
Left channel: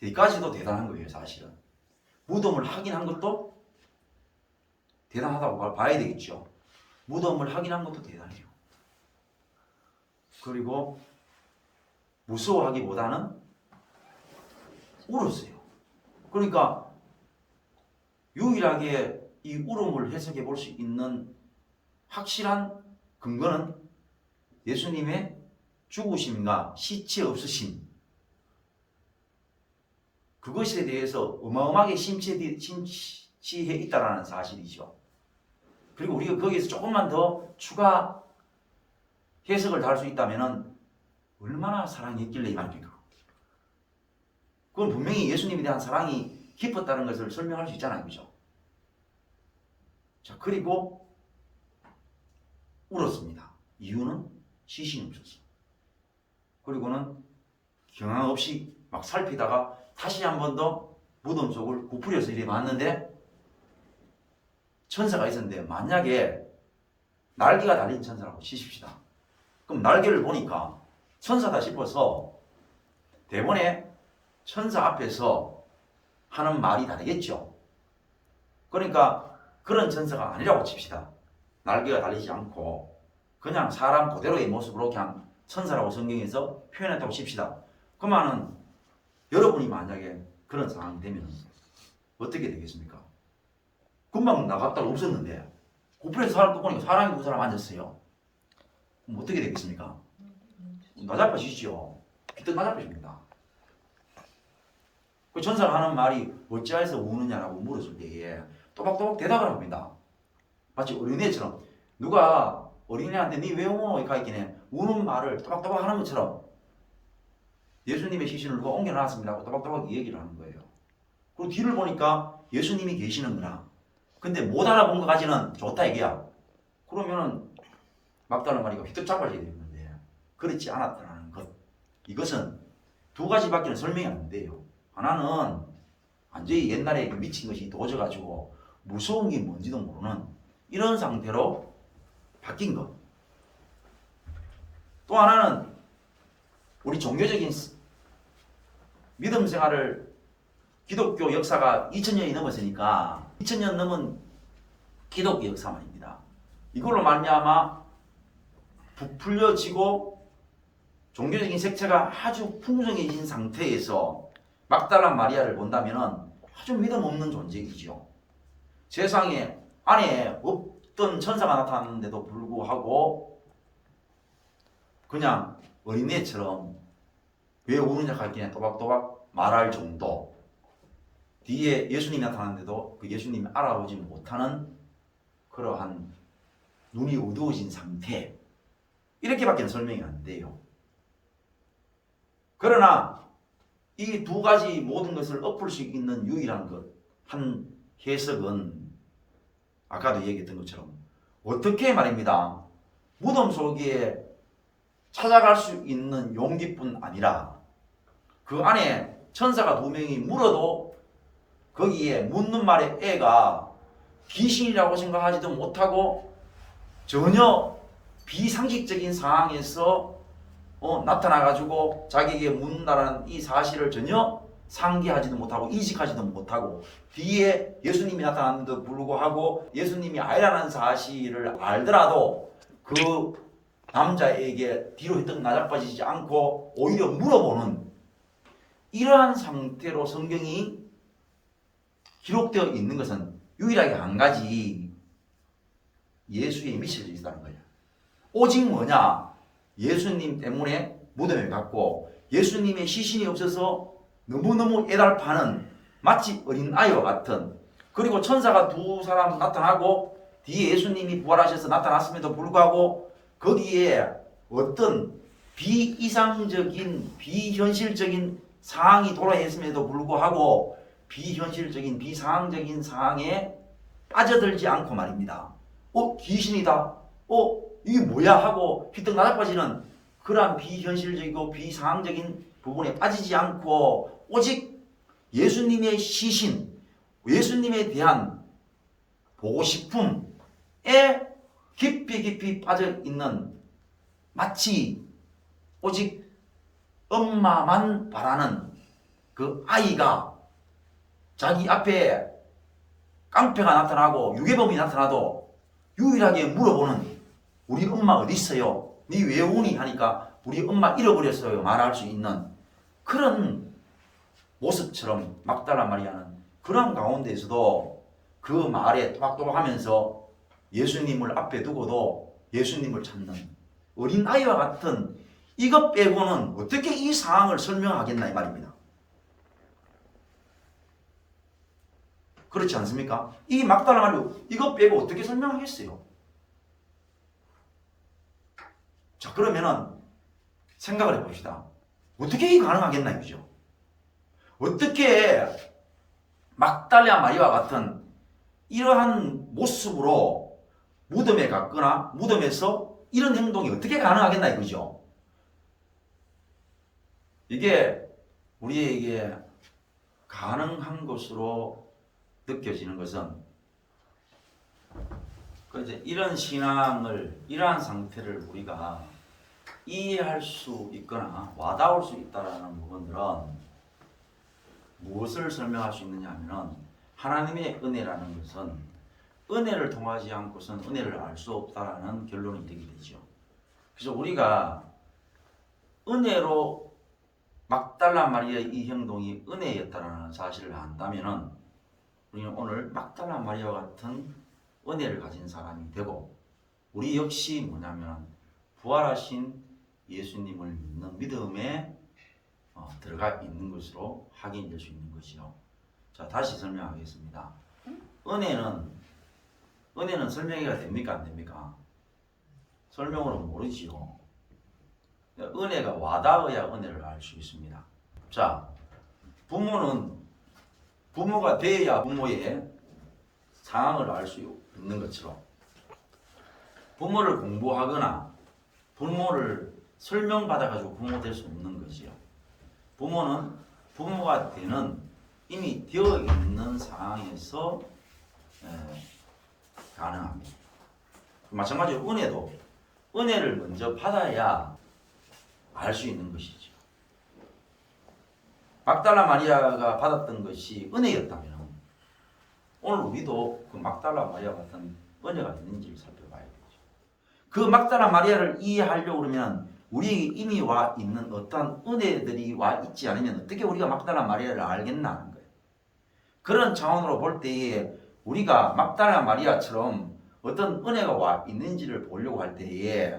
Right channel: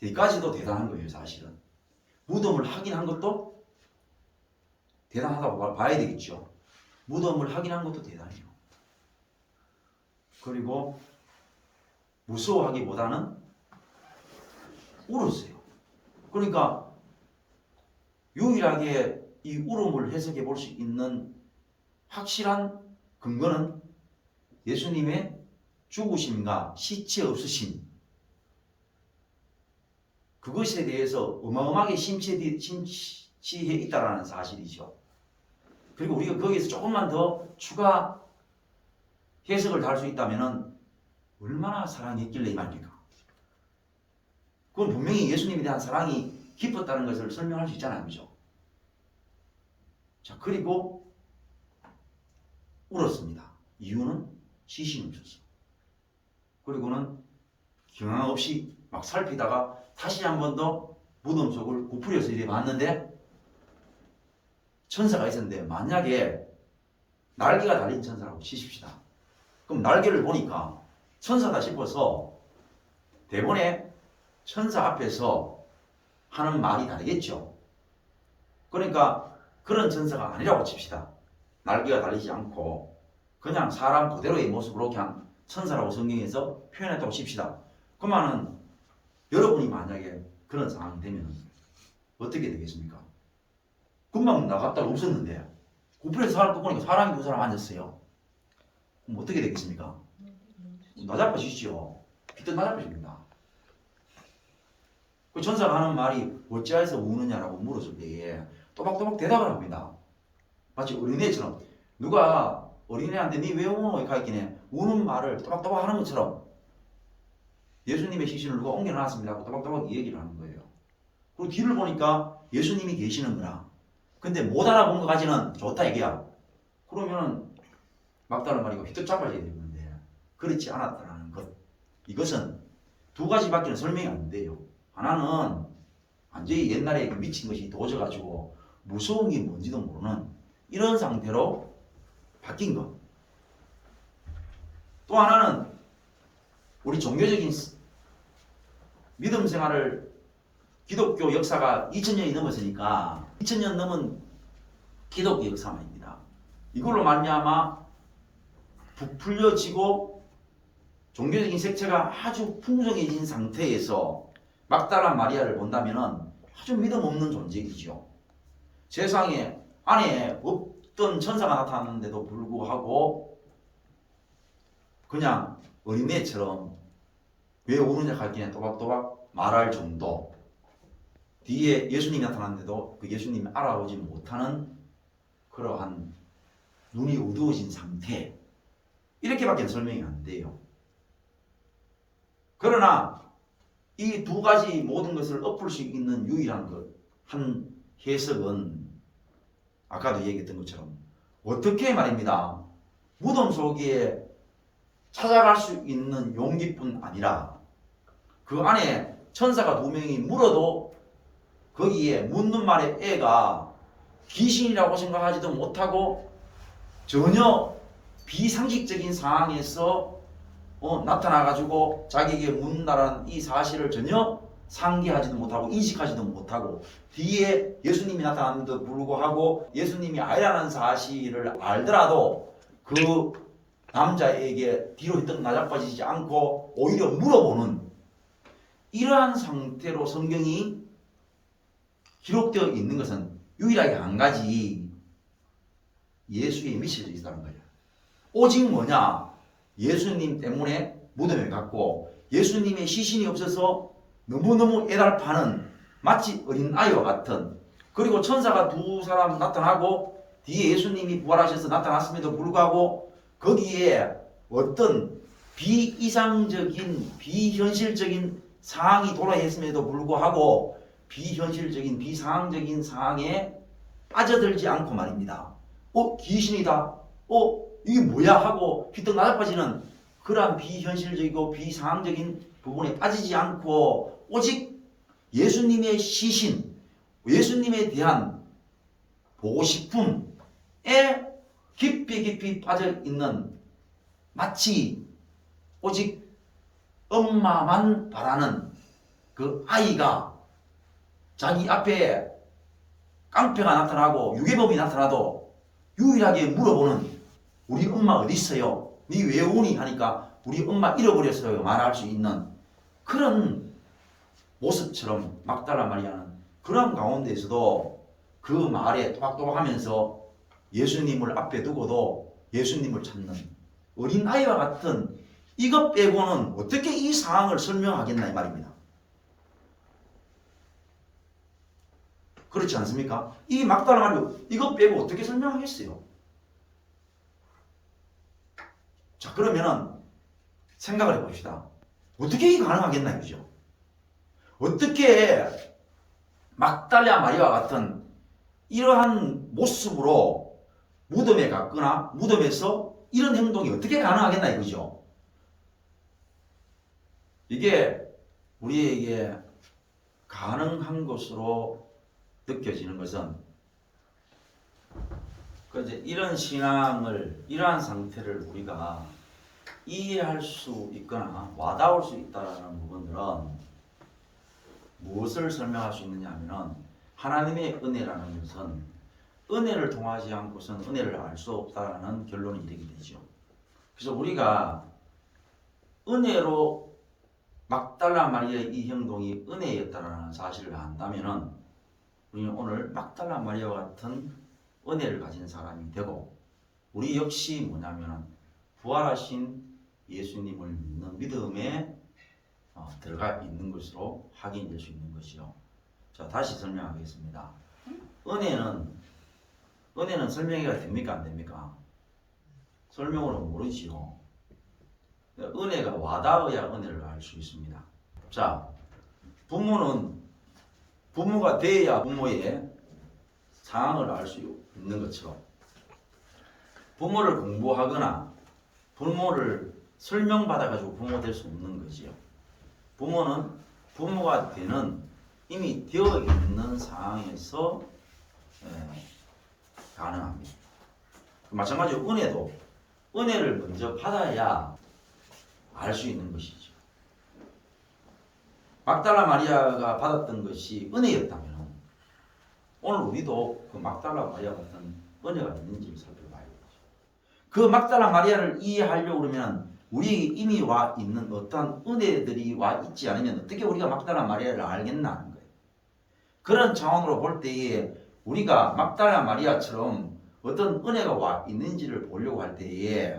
여기까지도 대단한 거예요, 사실은. 무덤을 확인한 것도 대단하다고 봐야 되겠죠. 무덤을 확인한 것도 대단해요. 그리고 무서워하기보다는 울었어요. 그러니까 유일하게 이 울음을 해석해 볼 수 있는 확실한 근거는 예수님의 죽으심과 시체 없으심, 그것에 대해서 어마어마하게 심취해 있다는 사실이죠. 그리고 우리가 거기에서 조금만 더 추가 해석을 달 수 있다면 얼마나 사랑했길래 이 말입니까? 그건 분명히 예수님에 대한 사랑이 깊었다는 것을 설명할 수 있잖아요, 그죠? 자, 그리고 울었습니다. 이유는 시신이 없었어. 그리고는 경황 없이 막 살피다가 다시 한 번 더 무덤 속을 구부려서 이렇게 봤는데 천사가 있었는데, 만약에 날개가 달린 천사라고 치십시다. 그럼 날개를 보니까 천사다 싶어서 대본에 천사 앞에서 하는 말이 다르겠죠. 그러니까 그런 천사가 아니라고 칩시다. 날개가 달리지 않고 그냥 사람 그대로의 모습으로 그냥 천사라고 성경에서 표현했다고 칩시다. 그러면은 여러분이 만약에 그런 상황이 되면 어떻게 되겠습니까? 금방 나갔다가 없었는데 구부려서 사람 보니까 사람이 두 사람 앉았어요. 그럼 어떻게 되겠습니까? 나자빠지시죠. 기껏 나자빠집니다. 그 천사가 하는 말이 어찌하여서 우느냐라고 물었을 때에 또박또박 대답을 합니다. 마치 어린애처럼, 누가 어린애한테 니 왜 우노? 이렇게 했기네 우는 말을 또박또박 하는 것처럼 예수님의 시신을 누가 옮겨놨습니다 하고 또박또박 얘기를 하는 거예요. 그리고 뒤를 보니까 예수님이 계시는 거라. 근데 못 알아본 것까지는 좋다 이게야. 그러면은 막다른 말이가 휘떡 잡아져야 되는 건데 그렇지 않았다는 것. 이것은 두 가지밖에 설명이 안 돼요. 하나는 완전히 옛날에 미친 것이 도져가지고 무서운 게 뭔지도 모르는 이런 상태로 바뀐 것. 또 하나는 우리 종교적인 믿음 생활을, 기독교 역사가 2000년이 넘었으니까 2000년 넘은 기독교 역사만입니다. 이걸로 말미암아 부풀려지고 종교적인 색채가 아주 풍성해진 상태에서 막달라 마리아를 본다면 아주 믿음 없는 존재이죠. 세상에 안에 없던 천사가 나타났는데도 불구하고 그냥 어린애처럼 왜 우느냐 할기냐 또박또박 말할 정도. 뒤에 예수님이 나타났는데도 그 예수님이 알아보지 못하는 그러한 눈이 어두워진 상태, 이렇게밖에 설명이 안 돼요. 그러나 이 두 가지 모든 것을 엎을 수 있는 유일한 한 해석은 아까도 얘기했던 것처럼 어떻게 말입니다. 무덤 속에 찾아갈 수 있는 용기뿐 아니라 그 안에 천사가 2명이 물어도 거기에 묻는 말의 애가 귀신이라고 생각하지도 못하고 전혀 비상식적인 상황에서 나타나가지고 자기에게 묻는다는 이 사실을 전혀 상기하지도 못하고 인식하지도 못하고 뒤에 예수님이 나타났는데도 불구하고 예수님이 아니라는 사실을 알더라도 그 남자에게 뒤로 휘떡 나자빠지지 않고 오히려 물어보는 이러한 상태로 성경이 기록되어 있는 것은 유일하게 한 가지, 예수의 미션이 있다는 거예요. 오직 뭐냐? 예수님 때문에 무덤에 갔고 예수님의 시신이 없어서 너무너무 애달파는 마치 어린아이와 같은, 그리고 천사가 2사람 나타나고 뒤에 예수님이 부활하셔서 나타났음에도 불구하고 거기에 어떤 비이상적인 비현실적인 상황이 도래했음에도 불구하고 비현실적인 비상황적인 상황에 빠져들지 않고 말입니다. 귀신이다. 이게 뭐야 하고 휘떡 나자빠지는 그러한 비현실적이고 비상황적인 부분에 빠지지 않고 오직 예수님의 시신, 예수님에 대한 보고 싶음에 깊이 빠져 있는, 마치 오직 엄마만 바라는 그 아이가 자기 앞에 깡패가 나타나고 유괴범이 나타나도 유일하게 물어보는, 우리 엄마 어디 있어요? 니 왜 오니? 하니까 우리 엄마 잃어버렸어요 말할 수 있는 그런 모습처럼 막달라 마리아는 그런 가운데에서도 그 말에 토박토박하면서 예수님을 앞에 두고도 예수님을 찾는 어린아이와 같은, 이것 빼고는 어떻게 이 상황을 설명하겠나 이 말입니다. 그렇지 않습니까? 이 막달라 마리아 이것 빼고 어떻게 설명하겠어요? 자, 그러면은 생각을 해봅시다. 어떻게 이게 가능하겠나 이거죠? 어떻게 막달라 마리아와 같은 이러한 모습으로 무덤에 갔거나 무덤에서 이런 행동이 어떻게 가능하겠나 이거죠? 이게 우리에게 가능한 것으로 느껴지는 것은 이제 이런 신앙을, 이러한 상태를 우리가 이해할 수 있거나 와닿을 수 있다는 부분들은 무엇을 설명할 수 있느냐 하면은 하나님의 은혜라는 것은 은혜를 통하지 않고선 은혜를 알 수 없다라는 결론이 이르게 되죠. 그래서 우리가 은혜로 막달라 마리아의 이 행동이 은혜였다라는 사실을 안다면은 우리는 오늘 막달라 마리아와 같은 은혜를 가진 사람이 되고, 우리 역시 뭐냐면 부활하신 예수님을 믿는 믿음에 들어가 있는 것으로 확인될 수 있는 것이요. 자, 다시 설명하겠습니다. 은혜는 설명이 됩니까 안 됩니까? 설명으로 모르지요. 은혜가 와닿아야 은혜를 알 수 있습니다. 자, 부모가 돼야 부모의 상황을 알 수 있는 것처럼 부모를 공부하거나 부모를 설명받아가지고 부모 될 수 없는 것이요. 부모는 부모가 되는 이미 되어 있는 상황에서 가능합니다. 마찬가지로 은혜도 은혜를 먼저 받아야 알 수 있는 것이죠. 막달라 마리아가 받았던 것이 은혜였다면 오늘 우리도 그 막달라 마리아 같은 은혜가 있는지를 살펴봐야 되죠. 그 막달라 마리아를 이해하려고 그러면 우리 이미 와 있는 어떤 은혜들이 와 있지 않으면 어떻게 우리가 막달라 마리아를 알겠나 하는 거예요. 그런 차원으로 볼 때에 우리가 막달라 마리아처럼 어떤 은혜가 와 있는지를 보려고 할 때에,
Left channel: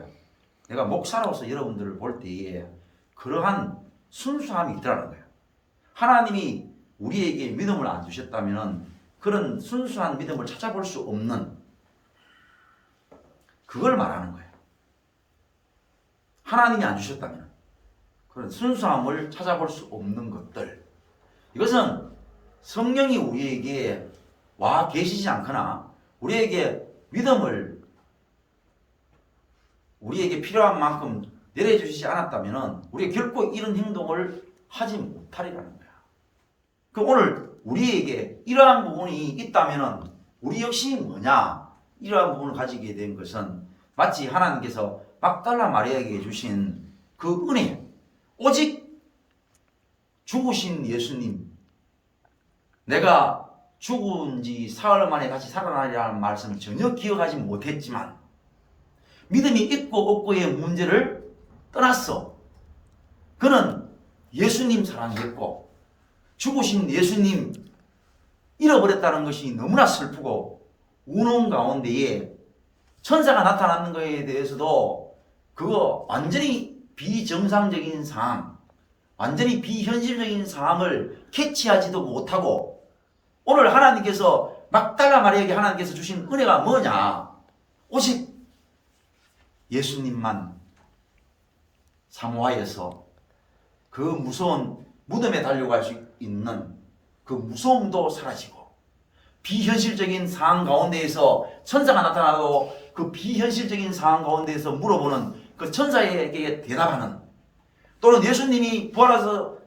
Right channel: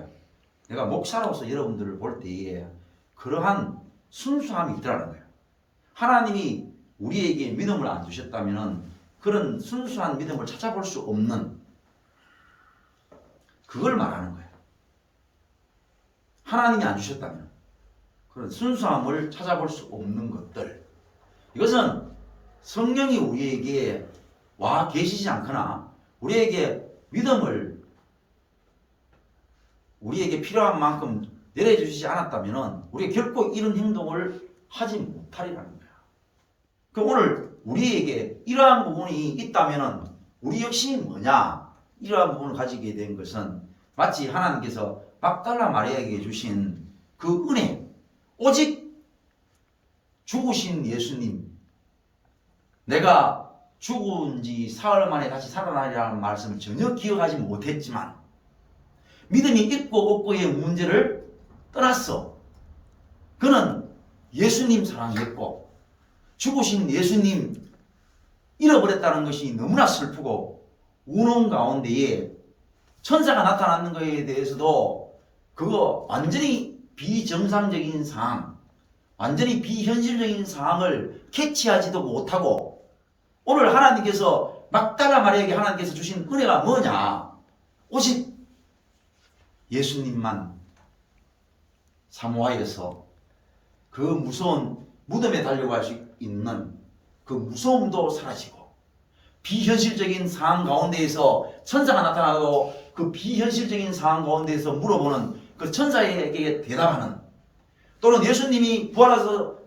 내가 목사로서 여러분들을 볼 때에 그러한 순수함이 있더라는 거예요. 하나님이 우리에게 믿음을 안 주셨다면 그런 순수한 믿음을 찾아볼 수 없는 그걸 말하는 거예요. 하나님이 안 주셨다면 그런 순수함을 찾아볼 수 없는 것들, 이것은 성령이 우리에게 와 계시지 않거나 우리에게 믿음을 우리에게 필요한 만큼 내려주시지 않았다면 우리가 결코 이런 행동을 하지 못하리라는 거야. 그 오늘 우리에게 이러한 부분이 있다면 우리 역시 뭐냐? 이러한 부분을 가지게 된 것은 마치 하나님께서 막달라 마리아에게 주신 그 은혜, 오직 죽으신 예수님, 내가 죽은 지 사흘 만에 같이 살아나리라는 말씀을 전혀 기억하지 못했지만 믿음이 있고 없고의 문제를 떠났어. 그는 예수님 사랑했고 죽으신 예수님 잃어버렸다는 것이 너무나 슬프고 우는 가운데에 천사가 나타나는 것에 대해서도 그거 완전히 비정상적인 상황, 완전히 비현실적인 상황을 캐치하지도 못하고 오늘 하나님께서 막달라 마리아에게 하나님께서 주신 은혜가 뭐냐? 오직 예수님만 사모하여서 그 무서운 무덤에 달려갈 수 있는 그 무서움도 사라지고 비현실적인 상황 가운데에서 천사가 나타나고 그 비현실적인 상황 가운데에서 물어보는 그 천사에게 대답하는, 또는 예수님이 부활해서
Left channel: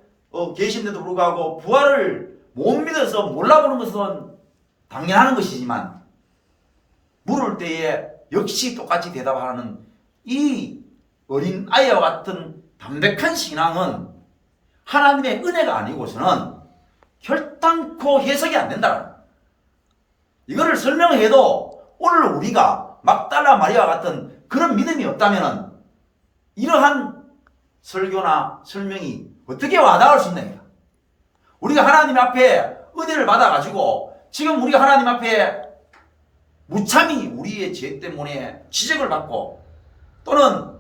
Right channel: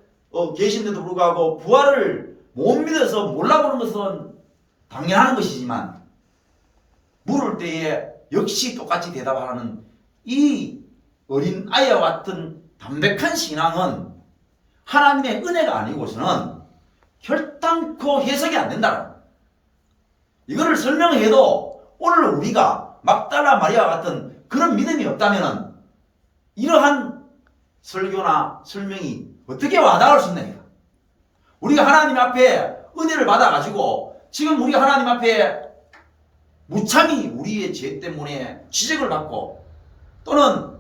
계신데도 불구하고 부활을 못 믿어서 몰라보는 것은 당연한 것이지만 물을 때에 역시 똑같이 대답하는 이 어린 아이와 같은 담백한 신앙은 하나님의 은혜가 아니고서는 결단코 해석이 안 된다. 이거를 설명해도 오늘 우리가 막달라 마리아와 같은 그런 믿음이 없다면 이러한 설교나 설명이 어떻게 와닿을 수 있느냐. 우리가 하나님 앞에 은혜를 받아가지고 지금 우리가 하나님 앞에 무참히 우리의 죄 때문에 지적을 받고 또는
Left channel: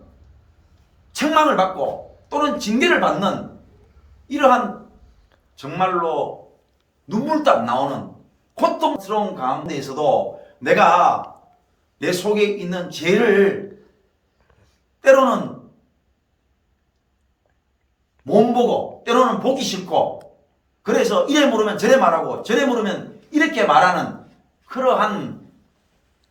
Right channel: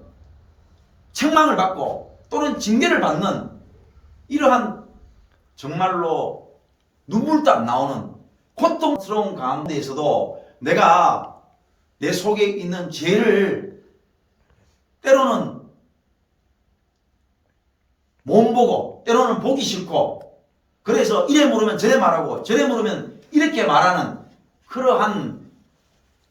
책망을 받고 또는 징계를 받는 이러한 정말로 눈물도 안 나오는 고통스러운 가운데에서도 내가 내 속에 있는 죄를 때로는 못 보고 때로는 보기 싫고 그래서 이래 물으면 저래 말하고 저래 물으면 이렇게 말하는 그러한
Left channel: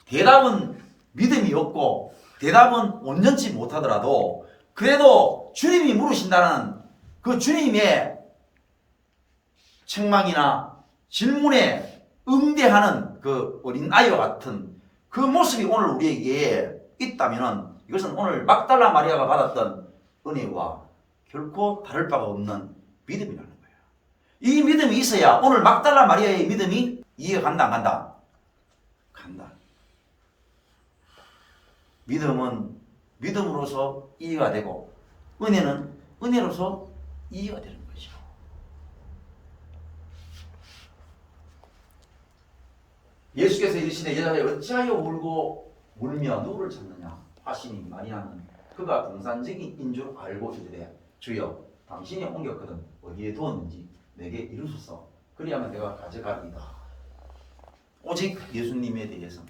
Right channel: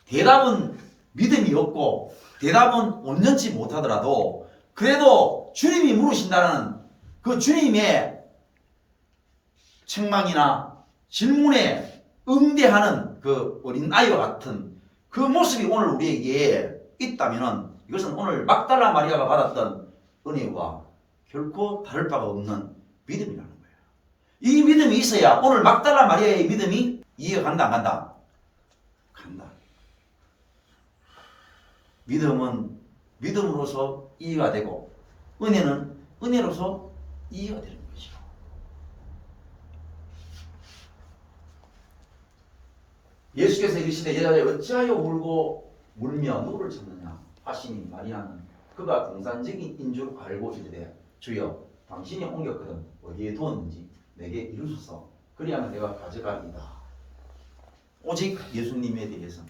대답은 믿음이 없고 대답은 온전치 못하더라도 그래도 주님이 물으신다는 그 주님의 책망이나 질문에 응대하는 그 어린 아이와 같은 그 모습이 오늘 우리에게 있다면 이것은 오늘 막달라 마리아가 받았던 은혜와 결코 다를 바가 없는 믿음이라는 거예요. 이 믿음이 있어야 오늘 막달라 마리아의 믿음이 이해가 간다 안 간다? 간다. 믿음은 믿음으로서 이해가 되고 은혜는 은혜로서 이해가 되는 것이죠. 예수께서 이르시되 여자여 어찌하여 울고 울며 누구를 찾느냐 하시니 마리아는 그가 등산적인 인 줄 알고 이르되 주여 당신이 옮겼거든 어디에 두었는지 내게 이루소서 그리하면 내가 가져가리이다. 오직 예수님에 대해서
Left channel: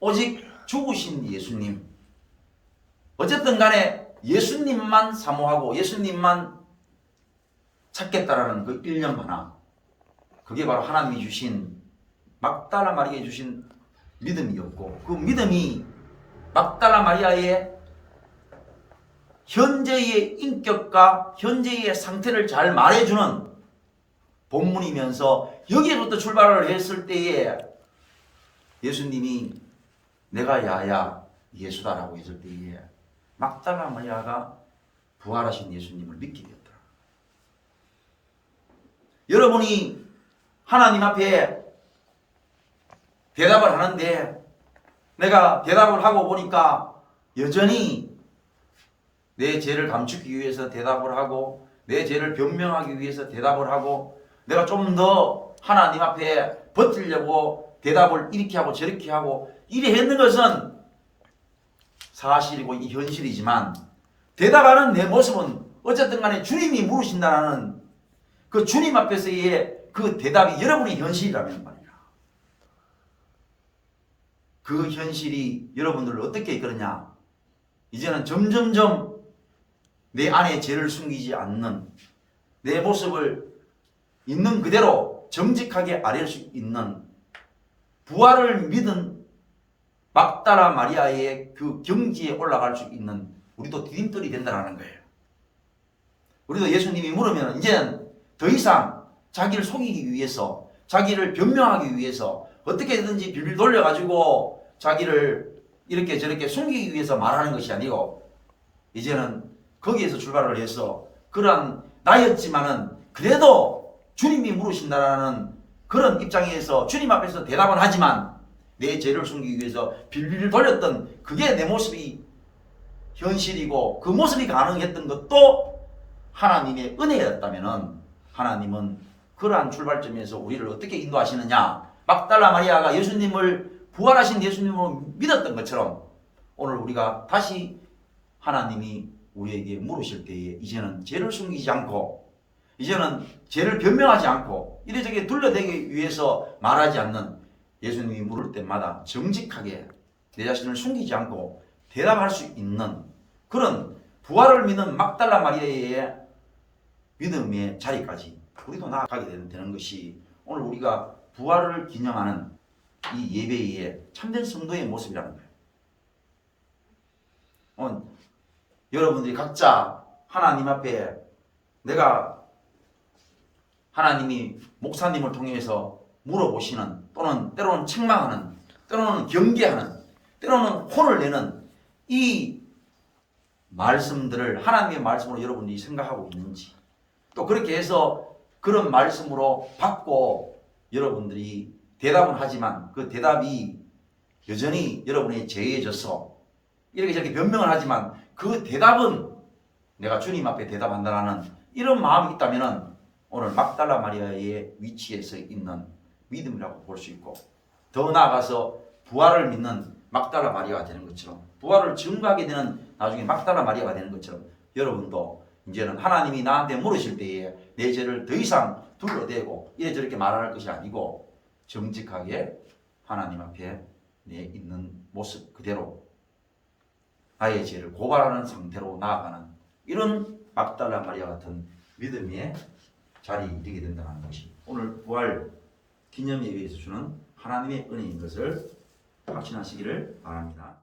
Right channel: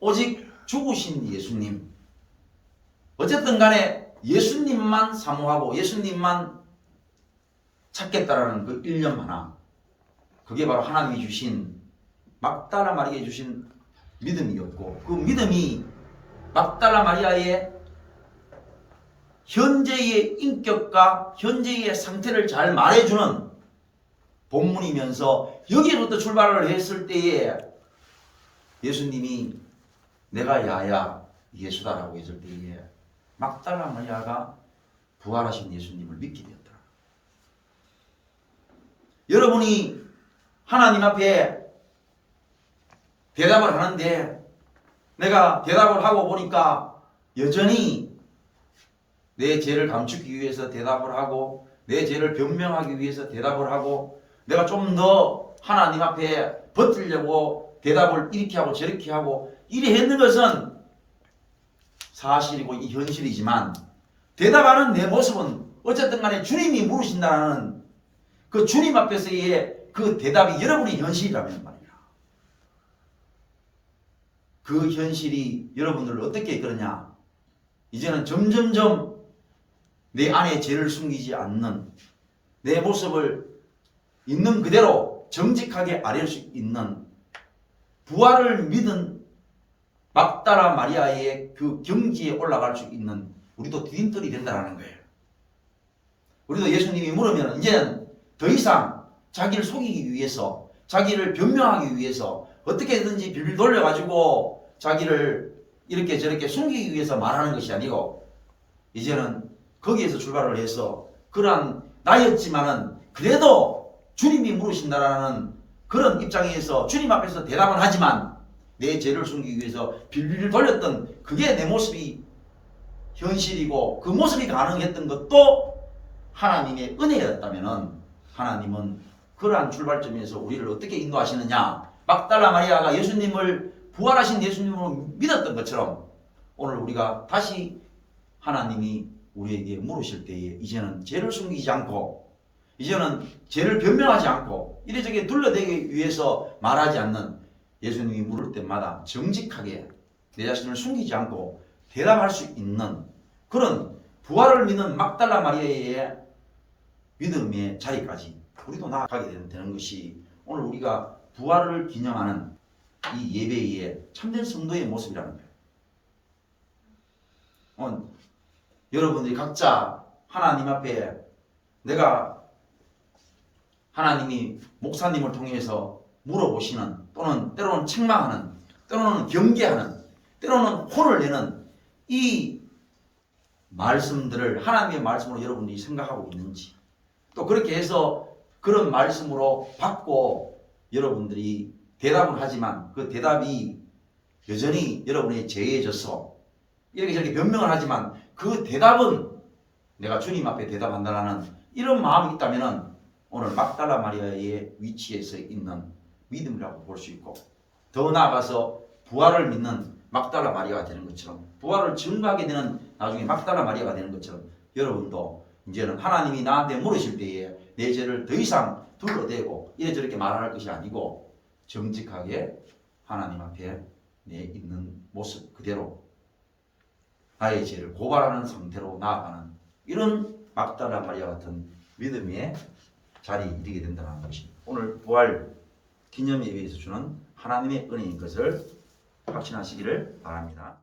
오직 죽으신 예수님, 어쨌든 간에 예수님만 사모하고 예수님만 찾겠다라는 그 일념 하나, 그게 바로 하나님이 주신 막달라 마리아에 주신 믿음이었고 그 믿음이 막달라 마리아의 현재의 인격과 현재의 상태를 잘 말해주는 본문이면서 여기부터 출발을 했을 때에 예수님이 내가 야야 예수다라고 했을 때에 막달라 마리아가 부활하신 예수님을 믿게 되었다. 여러분이 하나님 앞에 대답을 하는데 내가 대답을 하고 보니까 여전히 내 죄를 감추기 위해서 대답을 하고 내 죄를 변명하기 위해서 대답을 하고 내가 좀 더 하나님 앞에 버티려고 대답을 이렇게 하고 저렇게 하고 이래 했는 것은 사실이고 이 현실이지만 대답하는 내 모습은 어쨌든 간에 주님이 물으신다는 그 주님 앞에서의 그 대답이 여러분의 현실이라면 말이야. 그 현실이 여러분들을 어떻게 이끌느냐? 이제는 점점점 내 안에 죄를 숨기지 않는 내 모습을 있는 그대로 정직하게 아뢰을 수 있는 부활을 믿은 막달라 마리아의 그 경지에 올라갈 수 있는 우리도 디딤돌이 된다는 거예요. 우리도 예수님이 물으면 이제는 더 이상 자기를 속이기 위해서, 자기를 변명하기 위해서 어떻게든지 빌빌 돌려가지고 자기를 이렇게 저렇게 숨기기 위해서 말하는 것이 아니고, 이제는 거기에서 출발을 해서 그러한 나였지만은 그래도 주님이 물으신다라는 그런 입장에서 주님 앞에서 대답은 하지만 내 죄를 숨기기 위해서 빌빌 돌렸던 그게 내 모습이 현실이고, 그 모습이 가능했던 것도 하나님의 은혜였다면은 하나님은 그러한 출발점에서 우리를 어떻게 인도하시느냐? 막달라 마리아가 예수님을, 부활하신 예수님을 믿었던 것처럼 오늘 우리가 다시 하나님이 우리에게 물으실 때에 이제는 죄를 숨기지 않고, 이제는 죄를 변명하지 않고 이래저래 둘러대기 위해서 말하지 않는, 예수님이 물을 때마다 정직하게 내 자신을 숨기지 않고 대답할 수 있는 그런 부활을 믿는 막달라 마리아의 믿음의 자리까지 우리도 나아가게 되는 것이 오늘 우리가 부활을 기념하는 이 예배의 참된 성도의 모습이라는 거예요. 여러분들이 각자 하나님 앞에 내가 하나님이 목사님을 통해서 물어보시는, 또는 때로는 책망하는, 때로는 경계하는, 때로는 혼을 내는 이 말씀들을 하나님의 말씀으로 여러분들이 생각하고 있는지, 또 그렇게 해서 그런 말씀으로 받고 여러분들이 대답은 하지만 그 대답이 여전히 여러분의 죄에 져서 이렇게 저렇게 변명을 하지만 그 대답은 내가 주님 앞에 대답한다라는 이런 마음이 있다면 오늘 막달라 마리아의 위치에서 있는 믿음이라고 볼 수 있고, 더 나아가서 부활을 믿는 막달라 마리아가 되는 것처럼, 부활을 증거하게 되는 나중에 막달라 마리아가 되는 것처럼 여러분도 이제는 하나님이 나한테 물으실 때에 내 죄를 더 이상 둘러대고 이래저렇게 말할 것이 아니고 정직하게 하나님 앞에 내 있는 모습 그대로 나의 죄를 고발하는 상태로 나아가는 이런 막달라 마리아 같은 믿음의 자리에 이르게 된다는 것이 오늘 부활 기념 예배에서 주는 하나님의 은혜인 것을 확신하시기를 바랍니다.